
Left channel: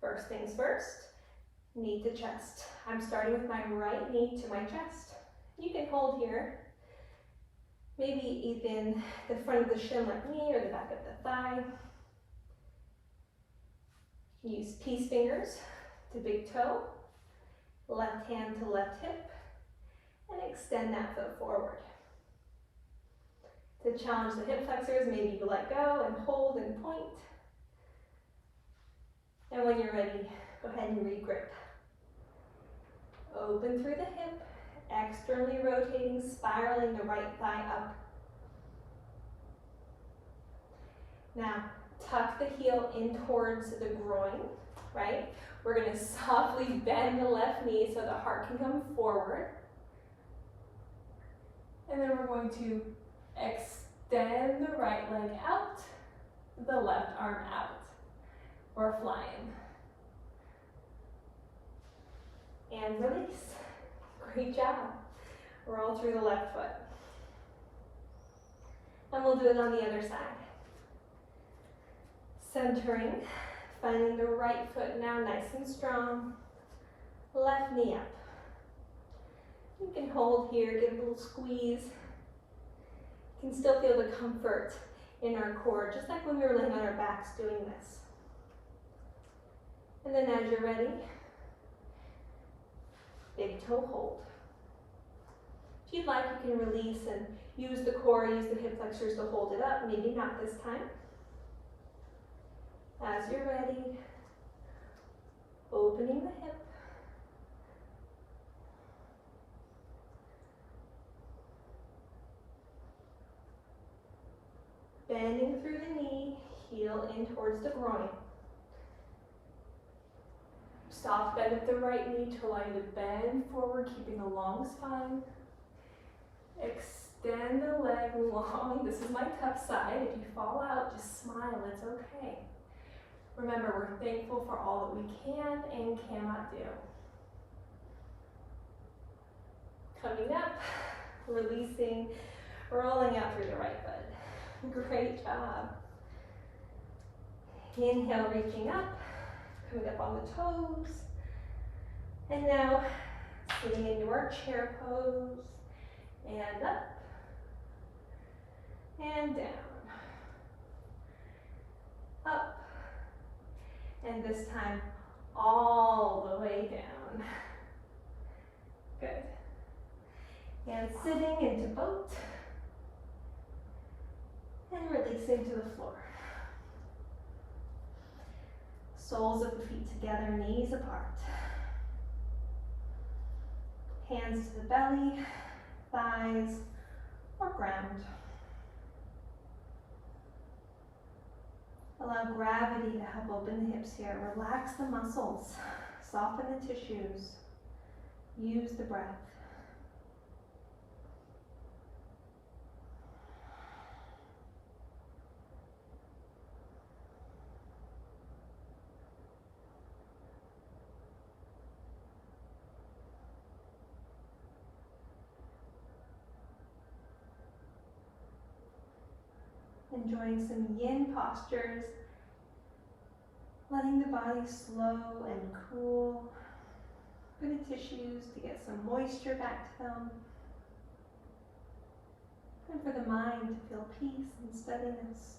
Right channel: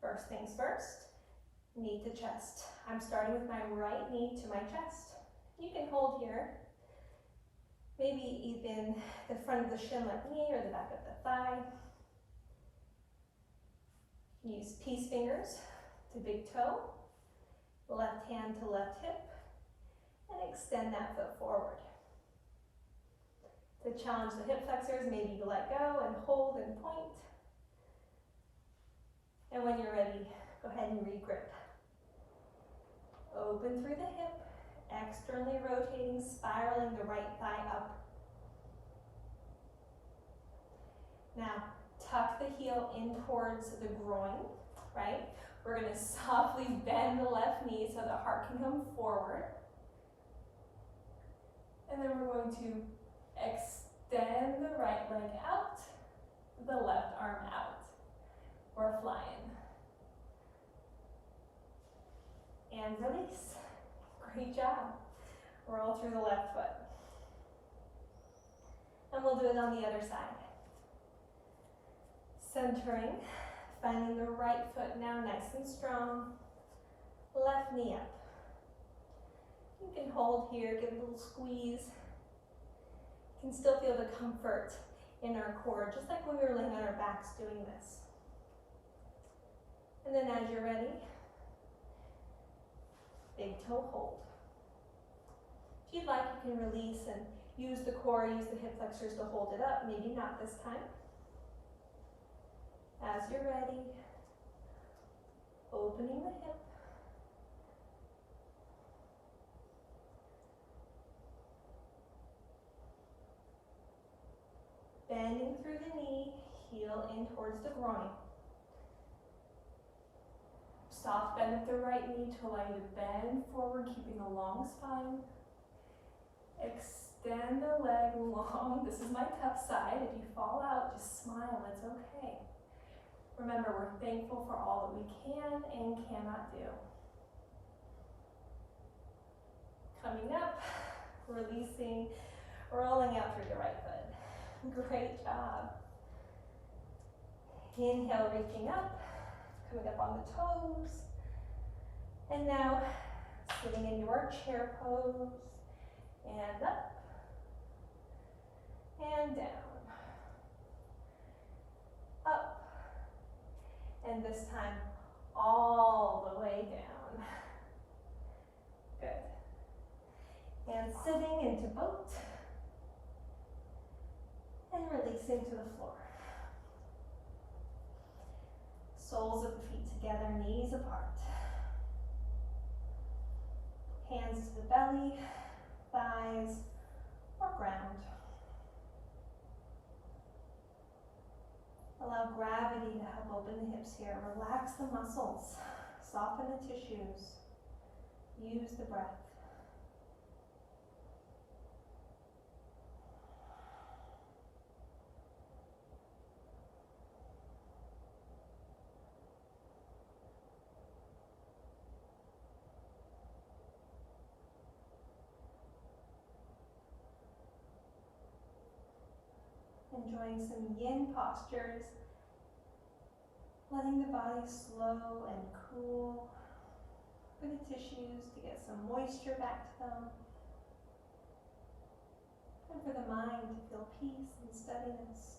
First things first, knee to chest. I'm starting with my right knee to my chest. You can hold here, maybe even the front of the shin like me or the back of the thigh. Use peace fingers to big toe, left hand to left hip, and extend that foot forward. To challenge the hip flexors, maybe you let go and hold and point. And when you're ready, go ahead and re-grip. Open through the hip, externally rotating, spiraling the right thigh up. Now, tuck the heel in towards the groin, right? We're gonna softly bend the left knee so the heart can come forward. And then we're going to extend the right leg out, the left arm out. We're flying. And release. Great job. Roll through the left foot. And we'll do it on the other side. Centering, finding the right foot now nice and strong. Left knee up. You can hold here, give a little squeeze. You can still feel the comfort in our core, just like when we were laying on our backs doing this. And then as you're ready, big toe hold. If you'd like, you can release and use the core, use the hip flexors to hold it up. Maybe not this time. As you're ready, opening the hip. Bending through the knee, heel in towards the groin. Soft bend at the right knee to allow you to bend forward, keeping a long spine. Extend the leg long. This is my tough side. If you fall out, just smile, it's okay. Remember, we're thankful for all that we can and cannot do. Coming up, releasing, rolling out through the right foot. Great job. Inhale, reaching up, coming up on the toes. And now, sitting in your chair pose, and up, and down. Up, and this time, all the way down. Good. And sitting into boat. And releasing to the floor. Soles of the feet together, knees apart. Hands to the belly, thighs, or ground. Allow gravity to help open the hips here. Relax the muscles, soften the tissues. Use the breath. Enjoying some yin postures, letting the body slow and cool for the tissues to get some moisture back to them, and for the mind to feel peace and steadiness.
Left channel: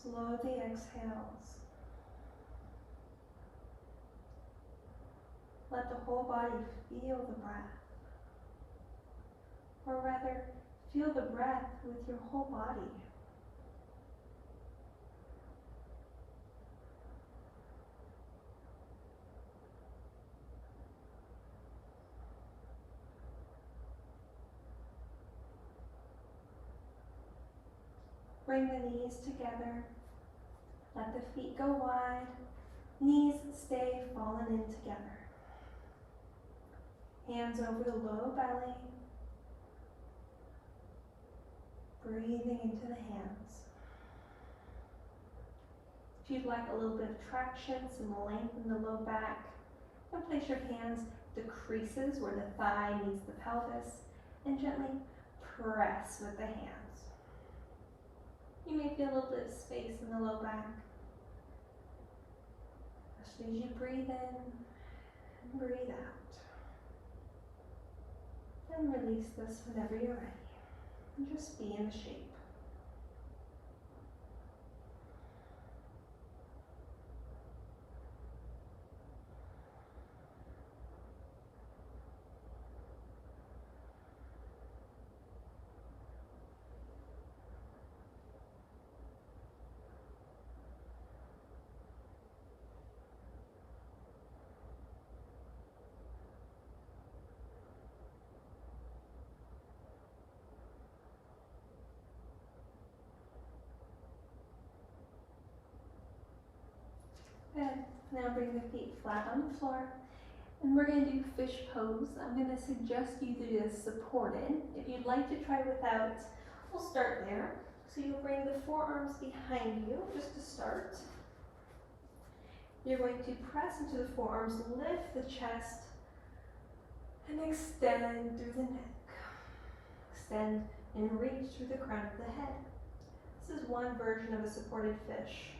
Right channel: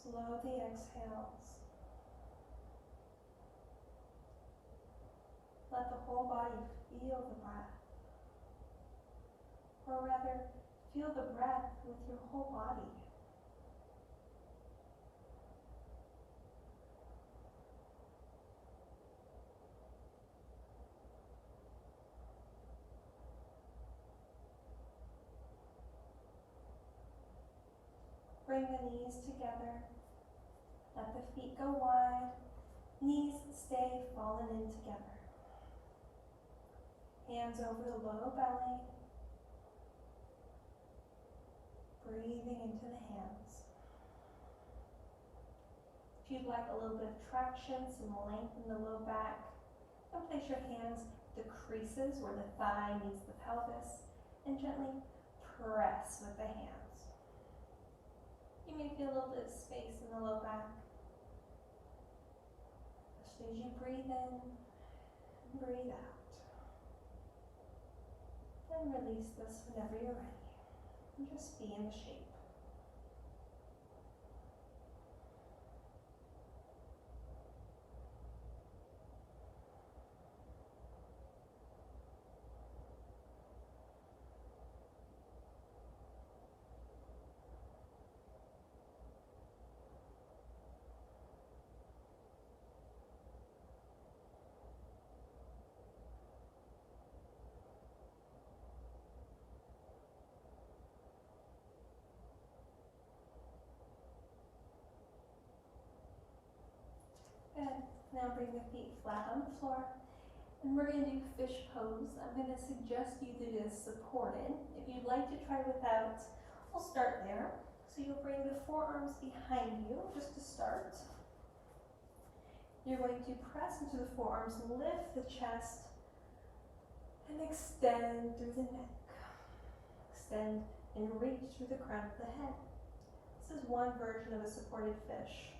Slow the exhales. Let the whole body feel the breath. Or rather, feel the breath with your whole body. Bring the knees together. Let the feet go wide. Knees stay fallen in together. Hands over the low belly. Breathing into the hands. If you'd like a little bit of traction, some length in the low back, then place your hands at the creases where the thigh meets the pelvis and gently press with the hands. You may feel a little bit of space in the low back. As you breathe in and breathe out. And release this whenever you're ready. And just be in the shape. Good. Now bring the feet flat on the floor. And we're going to do fish pose. I'm going to suggest you do this supported. If you'd like to try without, we'll start there. So you'll bring the forearms behind you just to start. You're going to press into the forearms, lift the chest, and extend through the neck. Extend and reach through the crown of the head. This is one version of a supported fish.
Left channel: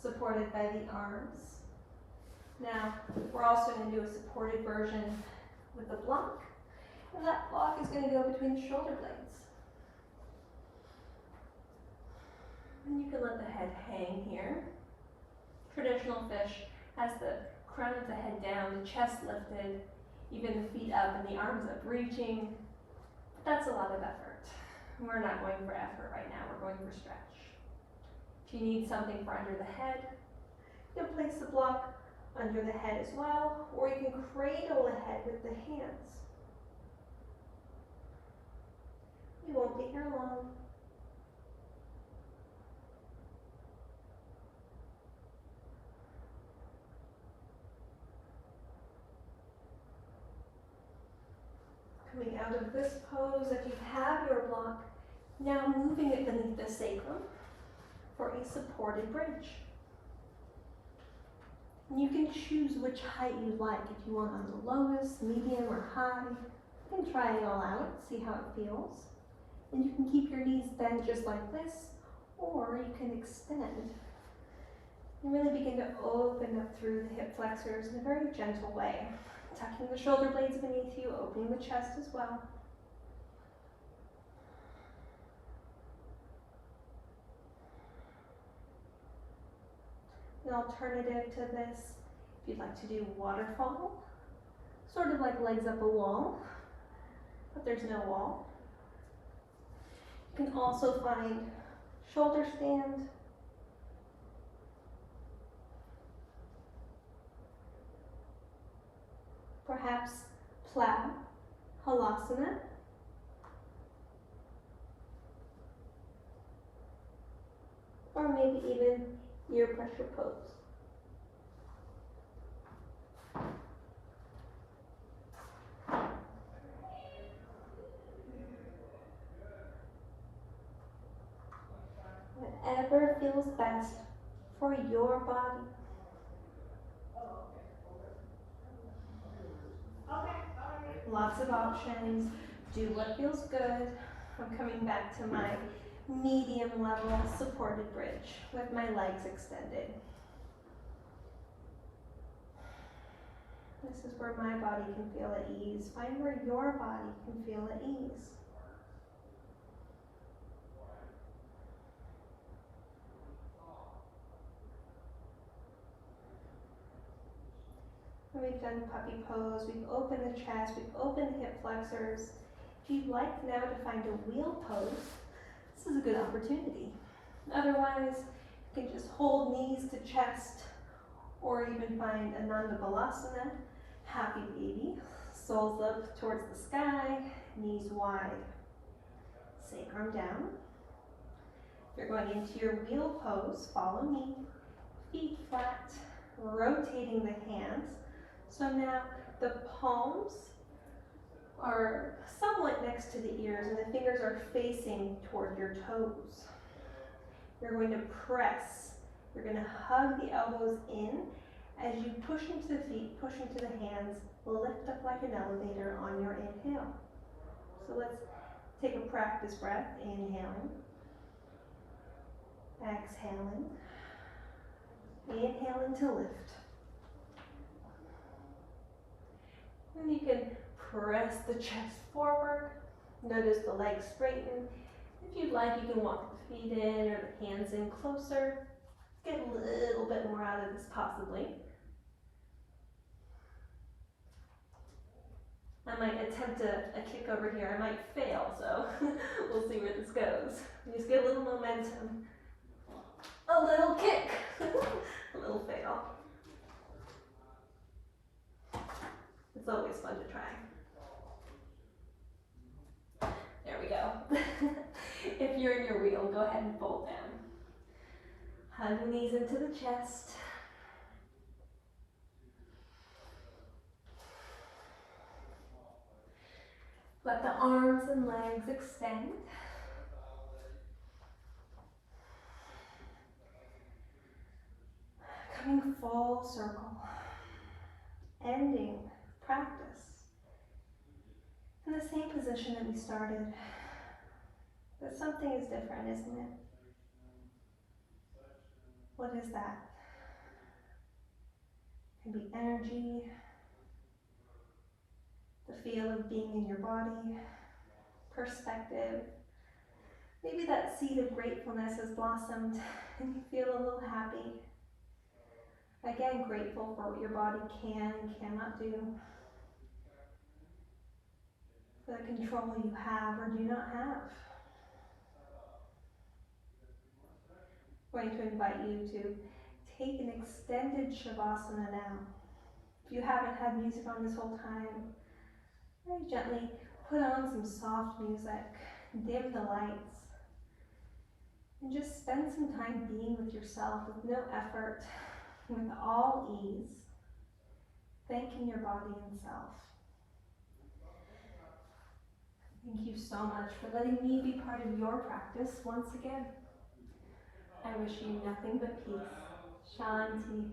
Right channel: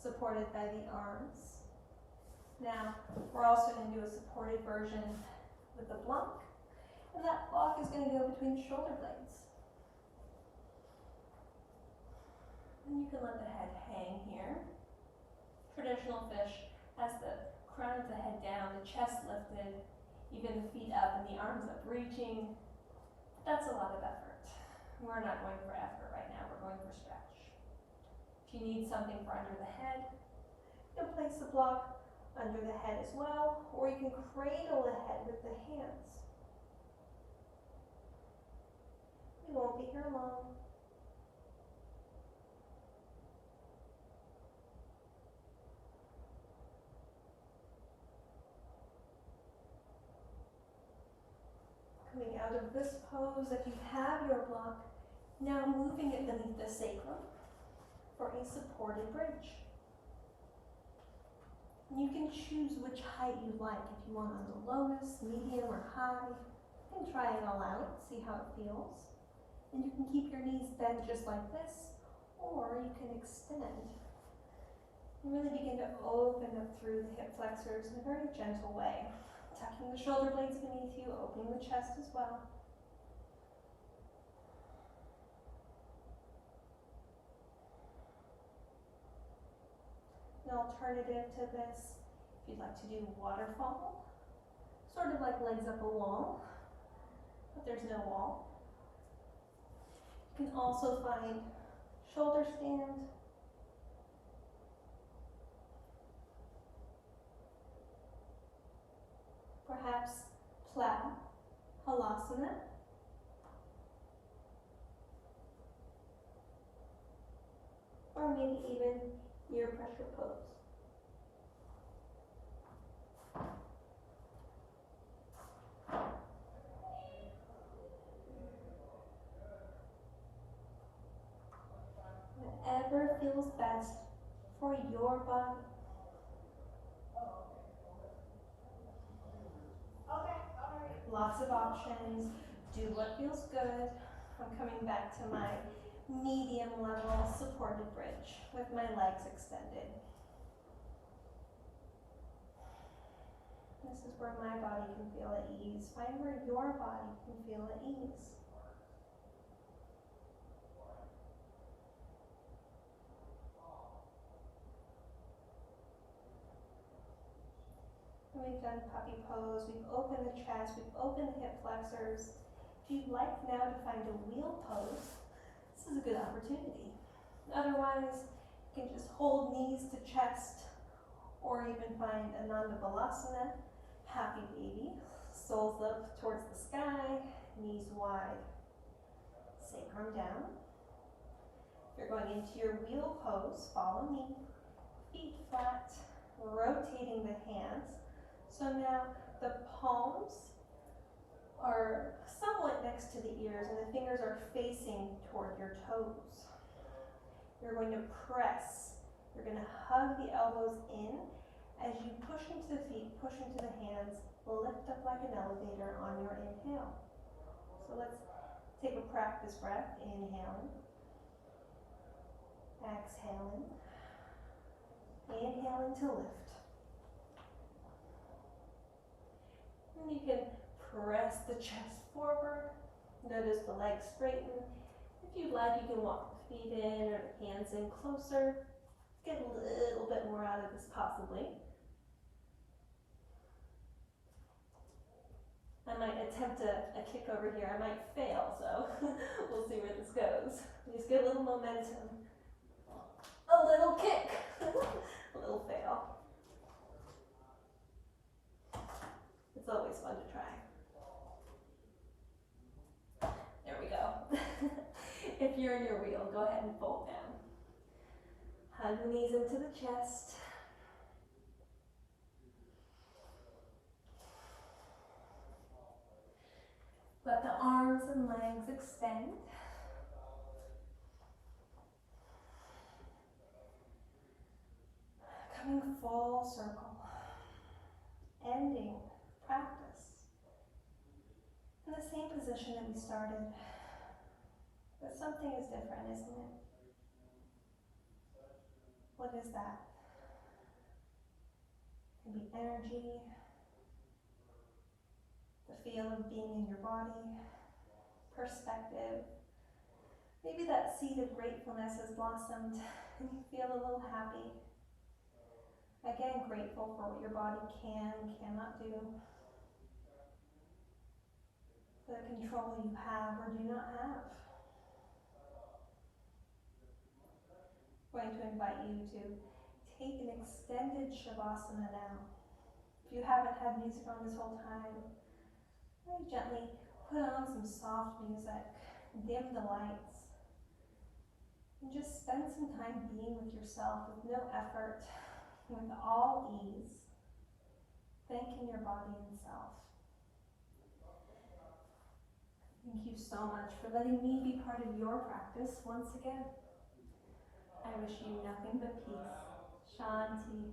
Supported by the arms. Now, we're also going to do a supported version with a block, and that block is going to go between the shoulder blades. And you can let the head hang here. Traditional fish has the crown of the head down, the chest lifted, even the feet up and the arms up reaching. But that's a lot of effort. We're not going for effort right now, we're going for stretch. If you need something for under the head, you can place the block under the head as well, or you can cradle the head with the hands. You won't be here long. Coming out of this pose, if you have your block, now moving it beneath the sacrum for a supported bridge. And you can choose which height you like. If you want on the lowest, medium, or high, you can try it all out, see how it feels. And you can keep your knees bent just like this, or you can extend and really begin to open up through the hip flexors in a very gentle way. Tucking the shoulder blades beneath you, opening the chest as well. An alternative to this, if you'd like to do waterfall, sort of like legs up a wall, but there's no wall. You can also find shoulder stand, perhaps plow, halasana, or maybe even ear pressure pose. Whatever feels best for your body. Lots of options. Do what feels good. I'm coming back to my medium level supported bridge with my legs extended. This is where my body can feel at ease. Find where your body can feel at ease. When we've done puppy pose, we've opened the chest, we've opened the hip flexors. If you'd like now to find a wheel pose, this is a good opportunity. Otherwise, you can just hold knees to chest, or even find Ananda Balasana, happy baby. Soles up towards the sky, knees wide, sacrum down. If you're going into your wheel pose, follow me. Feet flat, rotating the hands. So now the palms are somewhat next to the ears and the fingers are facing toward your toes. You're going to press. You're going to hug the elbows in as you push into the feet, push into the hands, lift up like an elevator on your inhale. So let's take a practice breath, inhaling, exhaling, inhaling to lift. And you can press the chest forward. Notice the legs straighten. If you'd like, you can walk the feet in or the hands in closer. Get a little bit more out of this possibly. I might attempt a kick over here. I might fail, so we'll see where this goes. Just get a little momentum. A little kick. A little fail. It's always fun to try. There we go. If you're in your wheel, go ahead and fold down. Hug the knees into the chest. Let the arms and legs extend. Coming full circle. Ending practice in the same position that we started. But something is different, isn't it? What is that? It can be energy, the feel of being in your body, perspective. Maybe that seed of gratefulness has blossomed and you feel a little happy. Again, grateful for what your body can and cannot do, for the control you have or do not have. I'm going to invite you to take an extended Shavasana now. If you haven't had music on this whole time, very gently put on some soft music, dim the lights, and just spend some time being with yourself with no effort, with all ease, thanking your body and self. Thank you so much for letting me be part of your practice once again. I wish you nothing but peace. Shanti.